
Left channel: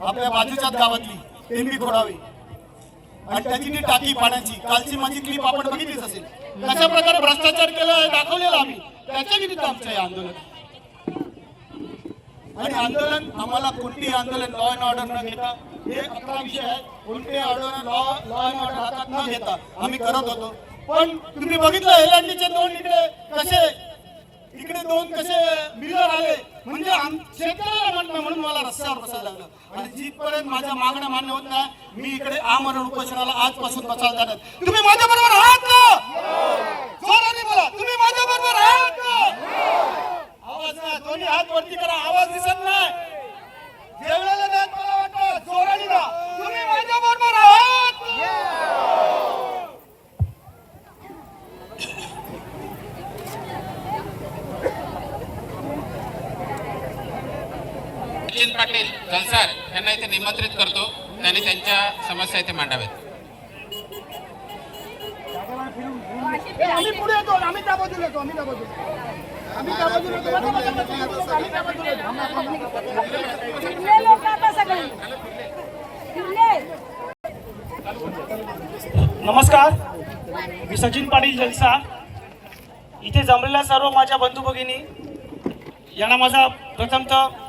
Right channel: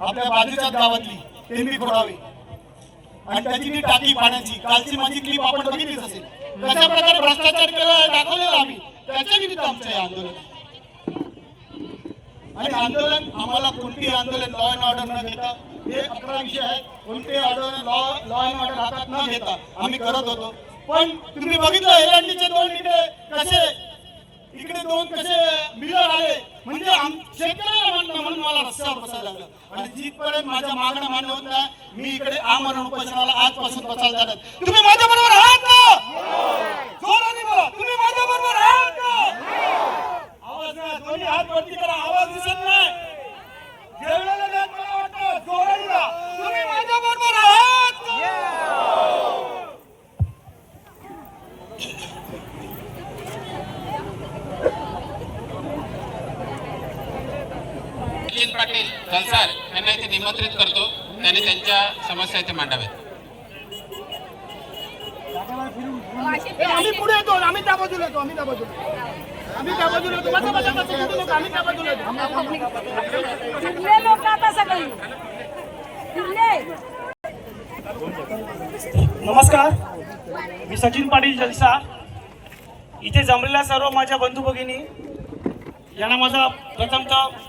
आपल्या बाजूच्या गावातली टेंबी खोडावी आणि त्याची ती टाकी पाण्याची, कालची माझी क्लिप आपण बघितलीच असेल, कशा प्रकारे भ्रष्टाचार केला दाखवलेला आम्ही, त्याच्या निमित्त आमचं हे आंदोलन. आणि आंदोलन आम्हाला कोणतेही आंदोलन लॉ अँड ऑर्डर न घेता, हे 11 विषय आहे, कोणतेही आंदोलन लॉ अँड ऑर्डर हातात न घेता आम्ही करत होतो. पण तुम्ही बघितलं एलएनडीचे 2 इकडे 2 कसे बिल्डर आले, म्हणजे शेतकऱ्याला म्हणून मला रस्ता झालं. आणि जिथपर्यंत माझ्या मागण्या मान्य होत नाही, मी इकडे आमरण उपोषणाला आजपासून बसायला जाणार. तुम्ही माझ्या बरोबर आहात का? जोराने बोला, तुम्ही माझ्या बरोबर आहात का? आवाज नाही, दोन्ही हात वरती करा, आवाज दिसत नाही, जेवढ्याला नाही मला वाटतं जोराने का तुम्ही माझ्या बरोबर आहात का? सचिन पाटील जलसार यांना इथे निमंत्रित करतो, त्यांनी त्यांच्या समस्या इथे मांडाव्यात. आम्ही पुढे येतो, आम्ही त्या बाजूला येतो, आम्ही त्या बाजूला येतो, आम्ही त्या बाजूला येतो. नमस्कार, मी सचिन पाटील जलसा. इथे जमलेल्या सर्व माझ्या बंधू भगिनी यांना माझा प्रथमतः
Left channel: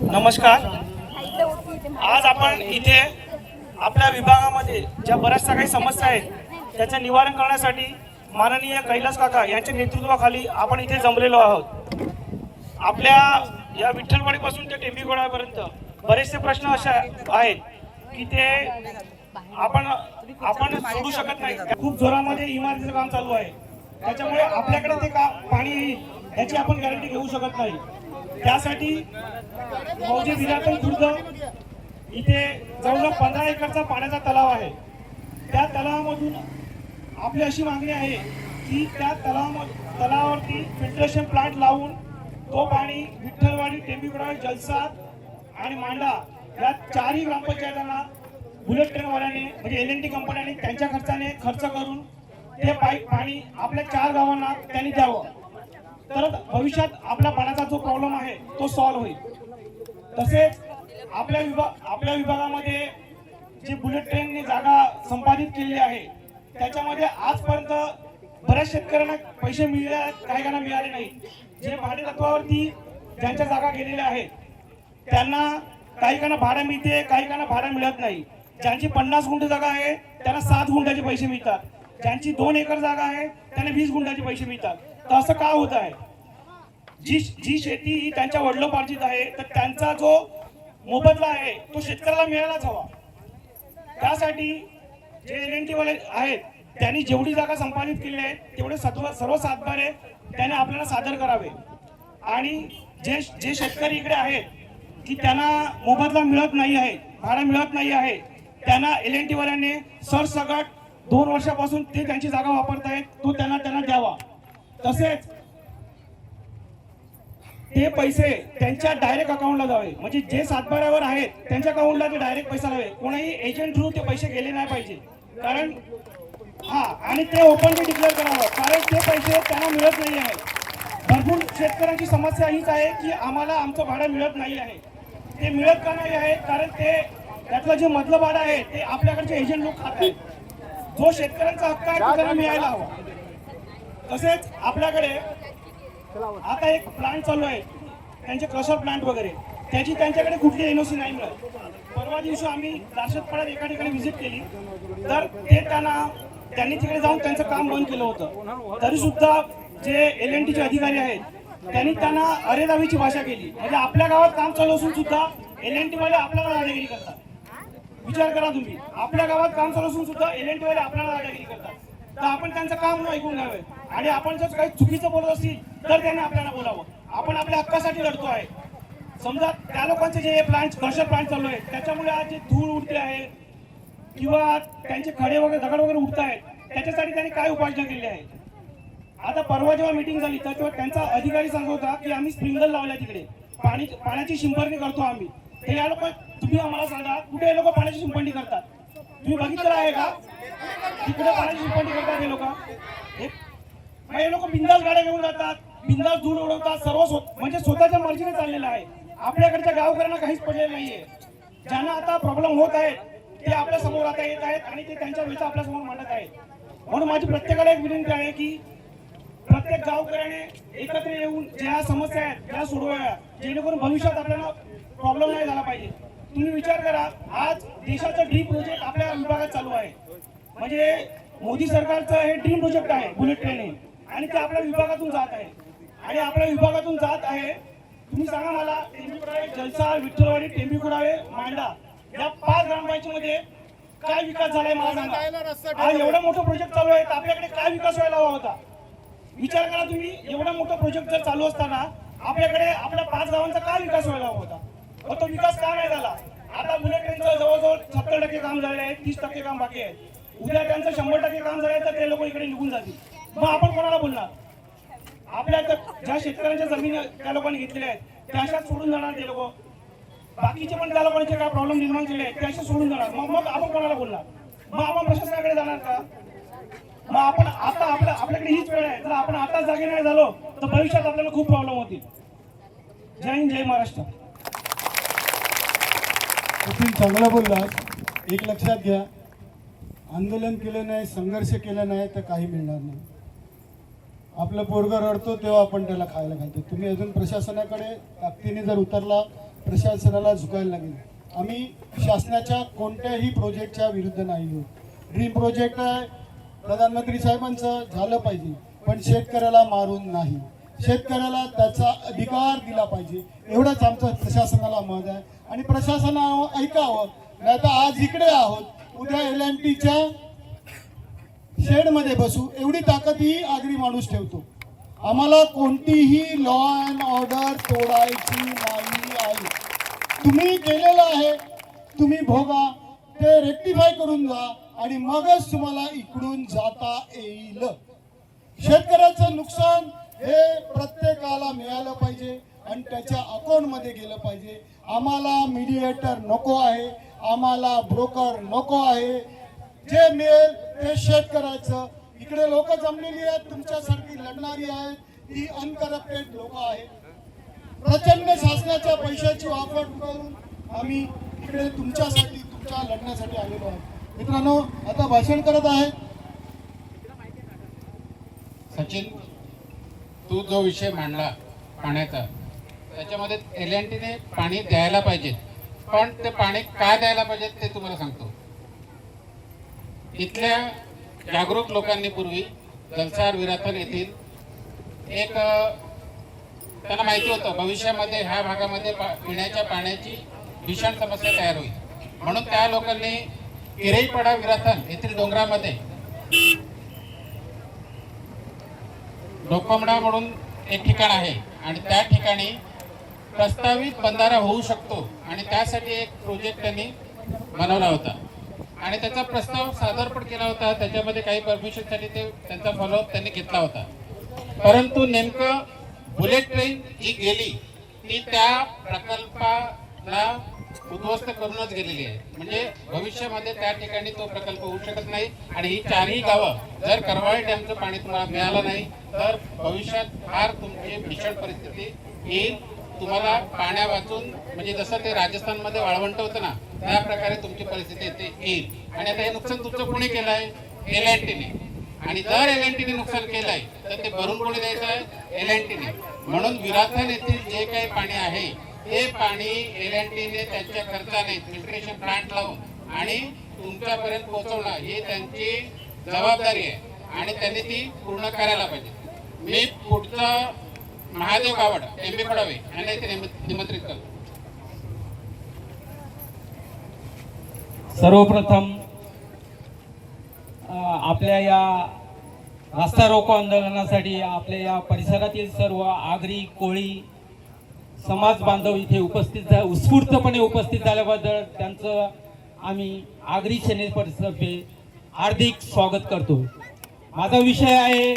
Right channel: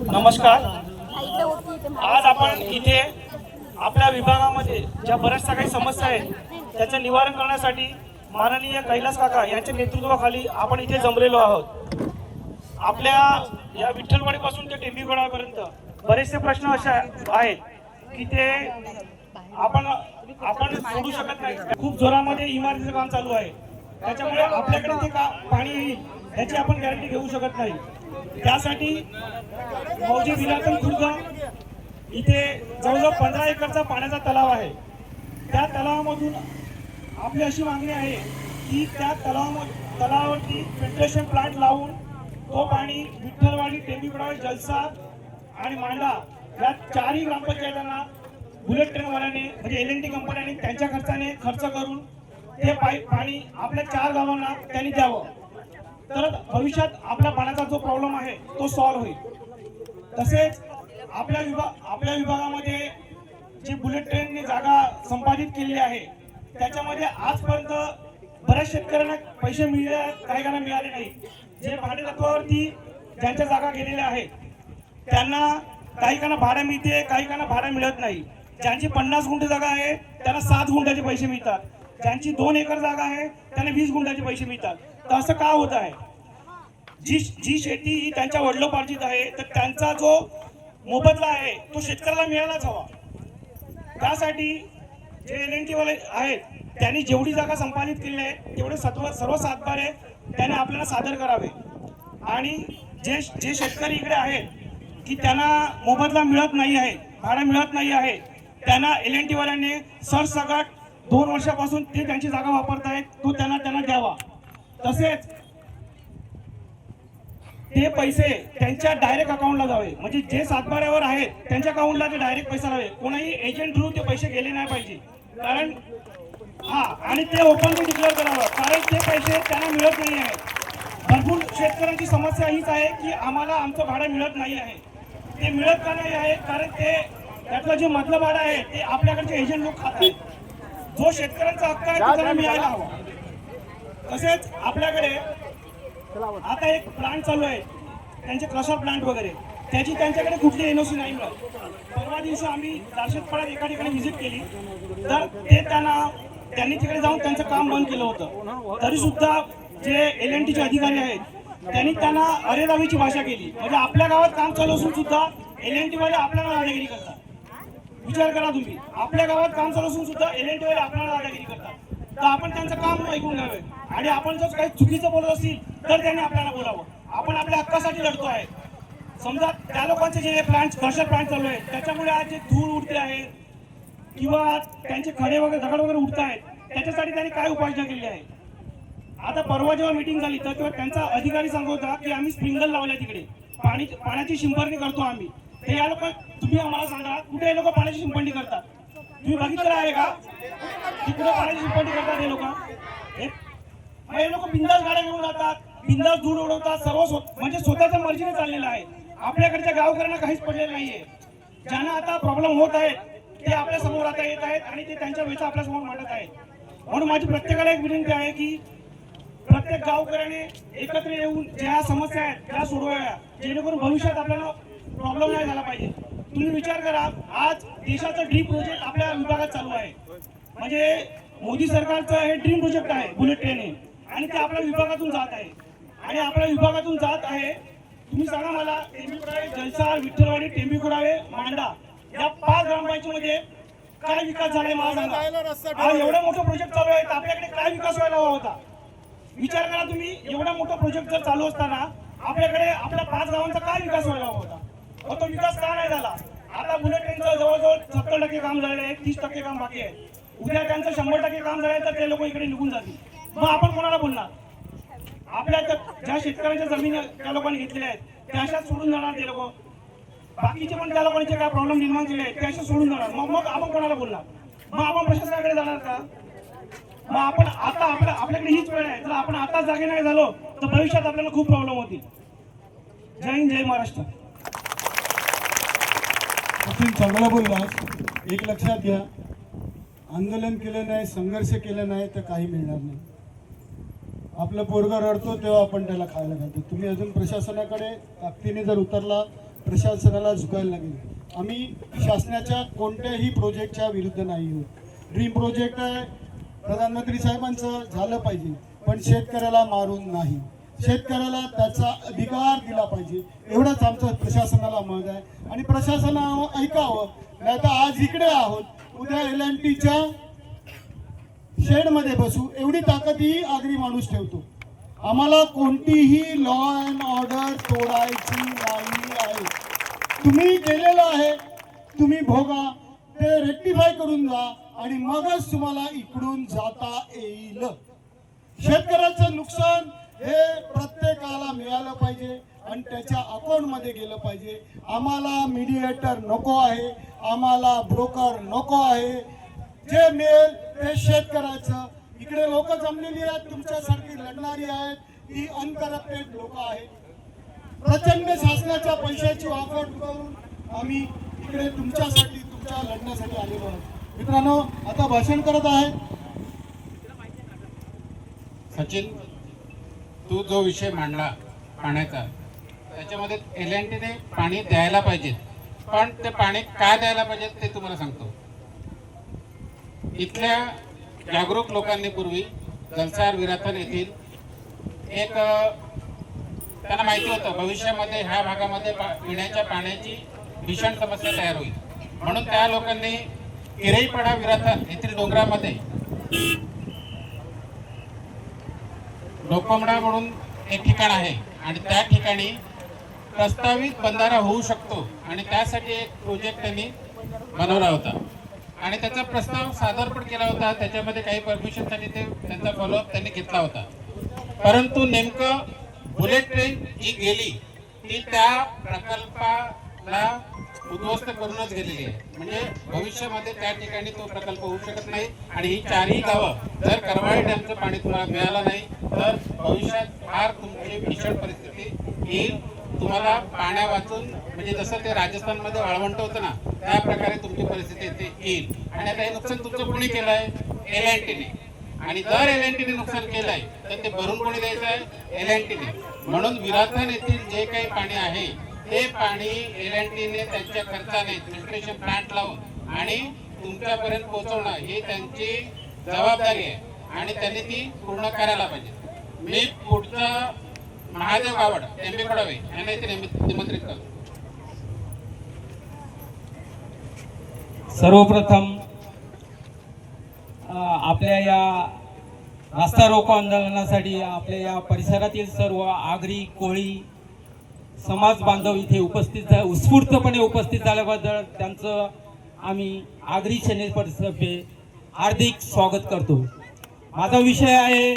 नमस्कार. आज आपण इथे आपल्या विभागामध्ये ज्या बऱ्याचशा काही समस्या आहेत त्याचे निवारण करण्यासाठी माननीय कैलास काका यांच्या नेतृत्वाखाली आपण इथे जमलेलो आहोत. आपल्या या विठ्ठलवाडीपासून ते टेंबीगोळापर्यंत बरेचसे प्रश्न असे आहेत की ते आपण सोडू शकत नाही. खूप जोरामध्ये इमारतीचं काम चालू आहे, त्याच्यामुळे आपल्याकडे ते पाणी येईल याची आपण गॅरंटी घेऊ शकत नाही. त्यासाठी मौजे विलातम खुर्द इथे जवळजवळ 15 एकरचा पाण्याचा तलाव आहे. त्या तलावामधून आपली अशी मागणी आहे की त्या तलावावरती फिल्ट्रेशन प्लांट लावून तो पाणी विठ्ठलवाडी, टेंबीगोळा, जलसार आणि मांडा या 4ही ग्रामपंचायतांना बुलेट ट्रेनवाल्याने म्हणजे LNT कंपन्याने त्यांच्या खर्चाने खर्च करून ते पाणी आपल्या 4 गावांना त्यांनी द्यावं. तर भविष्यात आपल्या पाण्याचा जो प्रॉब्लेम आहे तो सॉल्व्ह होईल. तसेच आपल्या विभागामध्ये जे बुलेट ट्रेनने जागा संपादित केली आहे त्याच्यामध्ये आजपर्यंत बऱ्याच शेतकऱ्यांना पैसे मिळाले आहेत, काही काहींना मिळाले नाही. जे भाडे तत्वावरती ज्यांच्या जागा गेलेल्या आहेत त्यांना काही काहींना भाडं मिळते, काही काहींना भाडं मिळत नाही. ज्यांची 50 गुंठ जागा आहे त्यांना 7 गुंठाचे पैसे मिळतात, ज्यांची 2 एकर जागा आहे त्यांना 20 गुंठाचे पैसे मिळतात. तर असं का होत आहे? जी शेती ही त्यांच्या वडिलोपार्जित आहे तर त्यांचा जो मोबदला आहे तो शेतकऱ्याला मिळायलाच हवा. त्यासाठी जे LNT वाले आहेत त्यांनी जेवढी जागा संपादित केली आहे तेवढे सर्व सातबारे त्याने आपल्याला सादर करावे. आणि जे शेतकरी इकडे आहेत की त्यांना मोबदला मिळत नाही आहे, भाडं मिळत नाही आहे, त्यांना LNT वाल्यांनी सरसकट 2 वर्षापासून ते त्यांची जागा वापरत आहेत तो त्यांना द्यावा. तसेच ते पैसे त्यांच्या डायरेक्ट अकाउंटला जावे, म्हणजे जे सातबाऱ्यावर आहेत त्यांच्या अकाउंटला ते डायरेक्ट पैसा जावे, कोणाही एजंट थ्रू ते पैसे गेले नाही पाहिजे. कारण आणि ते ओपनली डिक्लेअर करावं, कारण ते पैसे त्यांना मिळत नाही आहे. भरपूर शेतकऱ्यांची समस्या हीच आहे की आम्हाला आमचं भाडं मिळत नाही आहे. ते मिळत का नाही आहे? कारण त्यातलं जे मधलं भाडं आहे ते आपल्याकडचे एजंट लोक खात आहेत. जो शेतकऱ्यांचा हक्क आहे तो त्यांना मिळायला हवा. तसेच आपल्याकडे आता एक प्लांट चालू आहे त्यांचे क्रशर प्लांट वगैरे, त्याची त्यांच्याकडे कुठली NOC नाही मिळत. परवा दिवशी आम्ही दार्शतपाड्यात एका ठिकाणी व्हिजिट केली तर त्यांनी तिकडे जाऊन त्यांचं काम बंद केलं होतं. तरी सुद्धा जे LNTचे अधिकारी आहेत त्यांनी त्यांना अरेरावीची भाषा केली. म्हणजे आपल्या गावात काम चालू असून सुद्धा LNT वाले आपल्याला दादागिरी करतात. विचार करा तुम्ही, आपल्या गावात काम चालू असून सुद्धा LNT वाले आपल्याला दादागिरी करतात. तर आपण त्यांचं काम ऐकून घ्यावे आणि आपण जर काही चुकीचं बोलत असेल तर त्यांनी आपल्याला बोलावं. आपण आपल्या हक्कासाठी लढतो आहे. समजा त्या लोकांचे जे प्लांट क्रशर प्लांट चालू आहे त्याच्यामुळे आज जे धूळ उडते आहे किंवा त्यांचे खडे वगैरे दगड वगैरे उडत आहेत त्याच्यासाठी त्यांनी काय उपाययोजना केली आहे? आता परवा जेव्हा मीटिंग झाली तर तेव्हा त्यांचा अधिकारी सांगत होता की आम्ही स्प्रिंकलर लावल्या तिकडे पाण्याची शिंपडणी करतो आम्ही. हे या लोक तुम्ही आम्हाला सांगा कुठे हे लोक पाण्याची शिंपडणी करतात? तुम्ही बघितलं आहे का तिकडे पाण्याची शिंपडणी करतात हे लोक? मग हे लोक बिंदास गाड्या घेऊन जातात, बिंदास धूळ उडवतात, म्हणजे स्वतःच्या मर्जीने चाललेलं आहे. आपल्याकडच्या गावकऱ्यांना काहीच पडलेलं नाहीये. ज्यांना आता प्रॉब्लेम होत आहेत ते आपल्या समोर आता येत आहेत आणि ते त्यांच्या वेळेचा आपल्या समोर मांडत आहेत. म्हणून माझी प्रत्येकाला एक विनंती आहे की प्रत्येक गावकऱ्याने एकत्र येऊन ज्या समस्या आहेत त्या सोडवाव्या, जेणेकरून भविष्यात आपल्याला प्रॉब्लेम नाही झाला पाहिजे. तुम्ही विचार करा, आज देशाचं ड्रीम प्रोजेक्ट आपल्या विभागात चालू आहे. म्हणजे मोदी सरकारचं हे ड्रीम प्रोजेक्ट आहे बुलेट ट्रेन हे, आणि ते आपल्या विभागातून जात आहे. आणि आपल्या विभागातून जात आहे. तुम्ही सांगा मला, टेंबीखुराळे, जलसार, विठ्ठलवाडी, टेंबीखुराळे, मांडा या 5 ग्रामपंचायतीमध्ये काय विकास झालाय मला सांगा. आज एवढा मोठा प्रोजेक्ट चालू आहे, तर आपल्याकडे काय विकास व्हायला हवा होता. विचार करा तुम्ही, एवढा मोठा प्रोजेक्ट जर चालू असताना आपल्याकडे आपल्या 5 गावांचा काय विकास व्हायला हवा होता. तो विकास का नाही झाला. आता बुलेट ट्रेनचं जवळजवळ 70% काम झालेलं आहे, 30% काम बाकी आहे. उद्या त्यांचं 100% काम झालं तर ते लोक इकडे निघून जातील. मग आपण कोणाला बोलणार. आपल्या ज्या शेतकऱ्यांच्या जमिनी त्या लोकांनी घेतलेल्या आहेत त्या अशाच सोडून जाणार ते लोक. बाकीचे पण त्या लोकांचे काय प्रॉब्लेम निर्माण केले आहेत ते असे सोडून जाणार. मग आपण कोणाला बोलणार. मग आपण प्रशासनाकडे जाणार का. मग आपण आता आपल्याकडे हीच वेळ आहे. जर आपण आता जागे नाही झालो तर भविष्यात आपल्याला खूप प्रॉब्लेम होतील. जय हिंद, जय महाराष्ट्र. सचिन चांगलं बोललास. एक लक्षात घ्या, आंदोलन केलं नाही, संघर्ष केला नाही तर काही मिळणार नाही. आपलं पोरगा रडतो तेव्हा आपण त्याला खायला घालतो. तुम्ही अजून प्रशासनाकडे ताकदीने जर उतरला, प्रशासनाला झुकायला लागेल. आम्ही शासनाच्या कोणत्याही प्रोजेक्टच्या विरुद्ध नाही आहोत. ड्रीम प्रोजेक्ट प्रधानमंत्री साहेबांचं झालं पाहिजे, पण शेतकऱ्याला मारून नाही. शेतकऱ्याला त्याचा अधिकार दिला पाहिजे, एवढंच आमचं प्रशासनाला मत आहे. आणि प्रशासनानं ऐकावं. नाही तर आज इकडे आहोत, उद्या LNTच्या शेडमध्ये बसू एवढी ताकद ही आगरी माणूस ठेवतो. आम्हाला कोणतीही लॉ अँड ऑर्डर तोडायची नाही आहे. तुम्ही केलेलं आहे, तुम्ही भोगा, ते रेक्टिफाय करून जा आणि मगच तुम्हाला इकडून जाता येईल. शेतकऱ्याचं नुकसान हे प्रत्येकाला मिळालं पाहिजे आणि त्याच्या अकाउंटमध्ये गेलं पाहिजे. आम्हाला मीडिएटर नको आहे, आम्हाला ब्रोकर नको आहे. जे मिळेल ते शेतकऱ्याचं. इकडे लोक जमलेली आहेत, तुमच्यासारखी लढणारी आहेत, ही अनकरप्टेड लोक आहेत. प्रचंड शासनाच्या पैशाची वापर करून आम्ही इकडे तुमच्यासाठी, तुमच्या लढण्यासाठी आलेलो आहोत. मित्रांनो, आता भाषण करत आहेत सचिन, तू जो विषय मांडला पाण्याचा, त्याच्यामध्ये LNTने पाणी द्यायला पाहिजे, पण ते पाणी का द्यायला पाहिजे ते तुम्हाला सांगतो. इथल्या जागरूक लोकांनी पूर्वी जलसार विराथन येथील एक त्यांना माहिती होतं भविष्यामध्ये ह्या भागामध्ये पिण्याच्या पाण्याची भीषण समस्या तयार होईल. म्हणून त्या लोकांनी किरेईपाडा विराथन येथील डोंगरामध्ये डोकोमडा म्हणून एक ठिकाण आहे आणि त्या ठिकाणी प्रस्तावित बंधारा होऊ शकतो आणि त्यासाठी एक प्रोजेक्ट त्यांनी बनवला होता आणि त्याचा प्रस्ताव सादर पण केला होता. त्याच्यामध्ये काही परमिशनसाठी ते त्यांचा फॉलोअप त्यांनी घेतला होता. परंतु नेमकं बुलेट ट्रेन ही गेली, ती त्या प्रकल्पाला उद्ध्वस्त करूनच गेलेली आहे. म्हणजे भविष्यामध्ये त्या ठिकाणी तो प्रकल्प होऊ शकत नाही. आणि ही 4ही गावं जर करवाळे डॅमचं पाणी तुम्हाला मिळालं नाही तर भविष्यात फार तुमची भीषण परिस्थिती येईल. तुम्हाला पाण्या वाचून, म्हणजे जसं ते राजस्थानमध्ये वाळवंट होतं ना, त्या प्रकारे तुमची परिस्थिती येईल. आणि आता हे नुकसान तुमचं कोणी केलंय? LNTने. आणि जर LNTने नुकसान केलंय तर ते भरून कोणी द्यायचं आहे? LNTने. म्हणून विराथन येथील जे काही पाणी आहे ते पाणी LNTने त्यांच्या खर्चाने फिल्ट्रेशन प्लांट लावून आणि तुमच्यापर्यंत पोहोचवणं ही त्यांची जबाबदारी आहे आणि त्यांनी ती पूर्ण करायला पाहिजे. मी पुढचा महादेव गावड टेंबीखुराळे यांना इथे निमंत्रित करतो. सर्वप्रथम आपल्या या रास्ता रोको आंदोलनासाठी आपल्या या परिसरातील सर्व आगरी कोळी समाज बांधव इथे उत्स्फूर्तपणे उपस्थित झाल्याबद्दल त्यांचं आम्ही आगरी सेनेतर्फे हार्दिक स्वागत करतो. माझा विषय आहे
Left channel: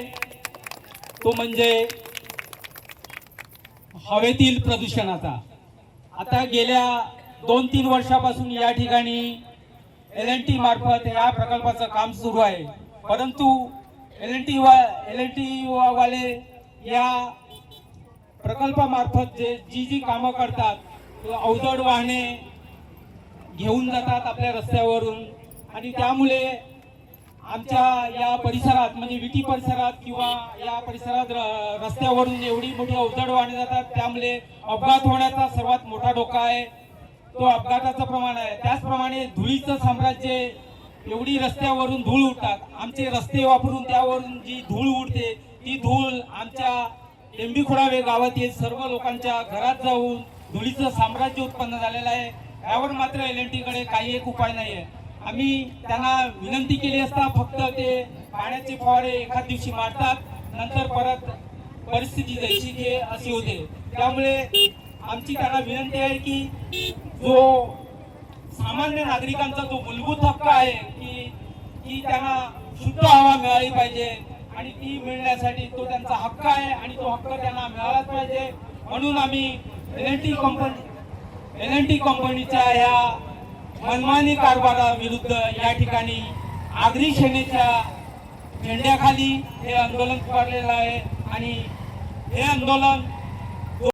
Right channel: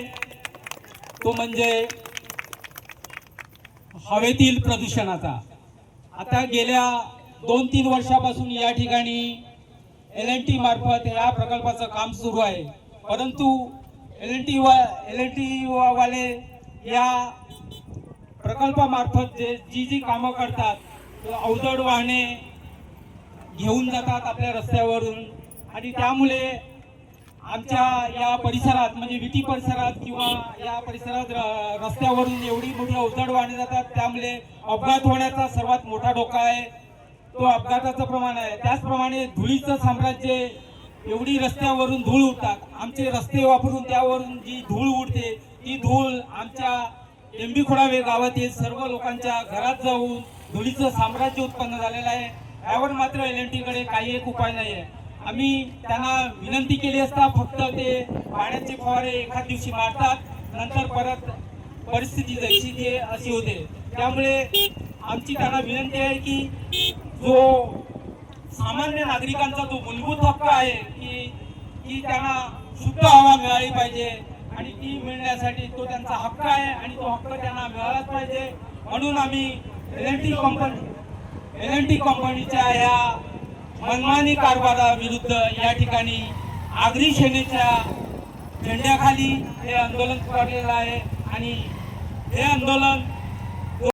तो म्हणजे हवेतील प्रदूषणाचा. आता गेल्या 2-3 वर्षापासून या ठिकाणी LNT मार्फत या प्रकल्पाचं काम सुरू आहे. परंतु LNT वाले या प्रकल्पामार्फत जी कामं करतात अवजड वाहने घेऊन जातात आपल्या रस्त्यावरून आणि त्यामुळे आमच्या या परिसरात म्हणजे विटी परिसरात किंवा या परिसरात रस्त्यावरून एवढी मोठी अवजड वाहने जातात त्यामुळे अपघात होण्याचा सर्वात मोठा धोका आहे तो अपघाताचं प्रमाण आहे. त्याचप्रमाणे धुळीचं साम्राज्य एवढी रस्त्यावरून धूळ उडतात आमचे रस्ते वापरून त्यावरून जी धूळ उडते ती धूळ आमच्या टेंबीखोडावे गावातील सर्व लोकांच्या घरात जाऊन धुळीचं साम्राज्य उत्पन्न झालेलं आहे. यावर मात्र LNT कडे काही एक उपाय नाही आहे. आम्ही त्यांना विनंती केली असता फक्त ते पाण्याचे फवारे एखाद दिवशी मारतात नंतर परत परिस्थिती जैशी ती अशी होते. त्यामुळे आमची त्यांना विनंती आहे की जो सामान्य नागरिकांचा जो मूलभूत हक्क आहे की त्यांना शुद्ध हवा मिळाली पाहिजे आणि ती मिळण्यासाठी तो त्यांचा हक्क आहे आणि तो हक्क त्यांना मिळालाच पाहिजे. म्हणून आम्ही LNT कंपनीच्या या मनमानी कारभाराविरुद्ध या ठिकाणी आगरी सेनेच्या झेंड्याखाली हे आंदोलन पुकारलेलं आहे आणि हे आंदोलन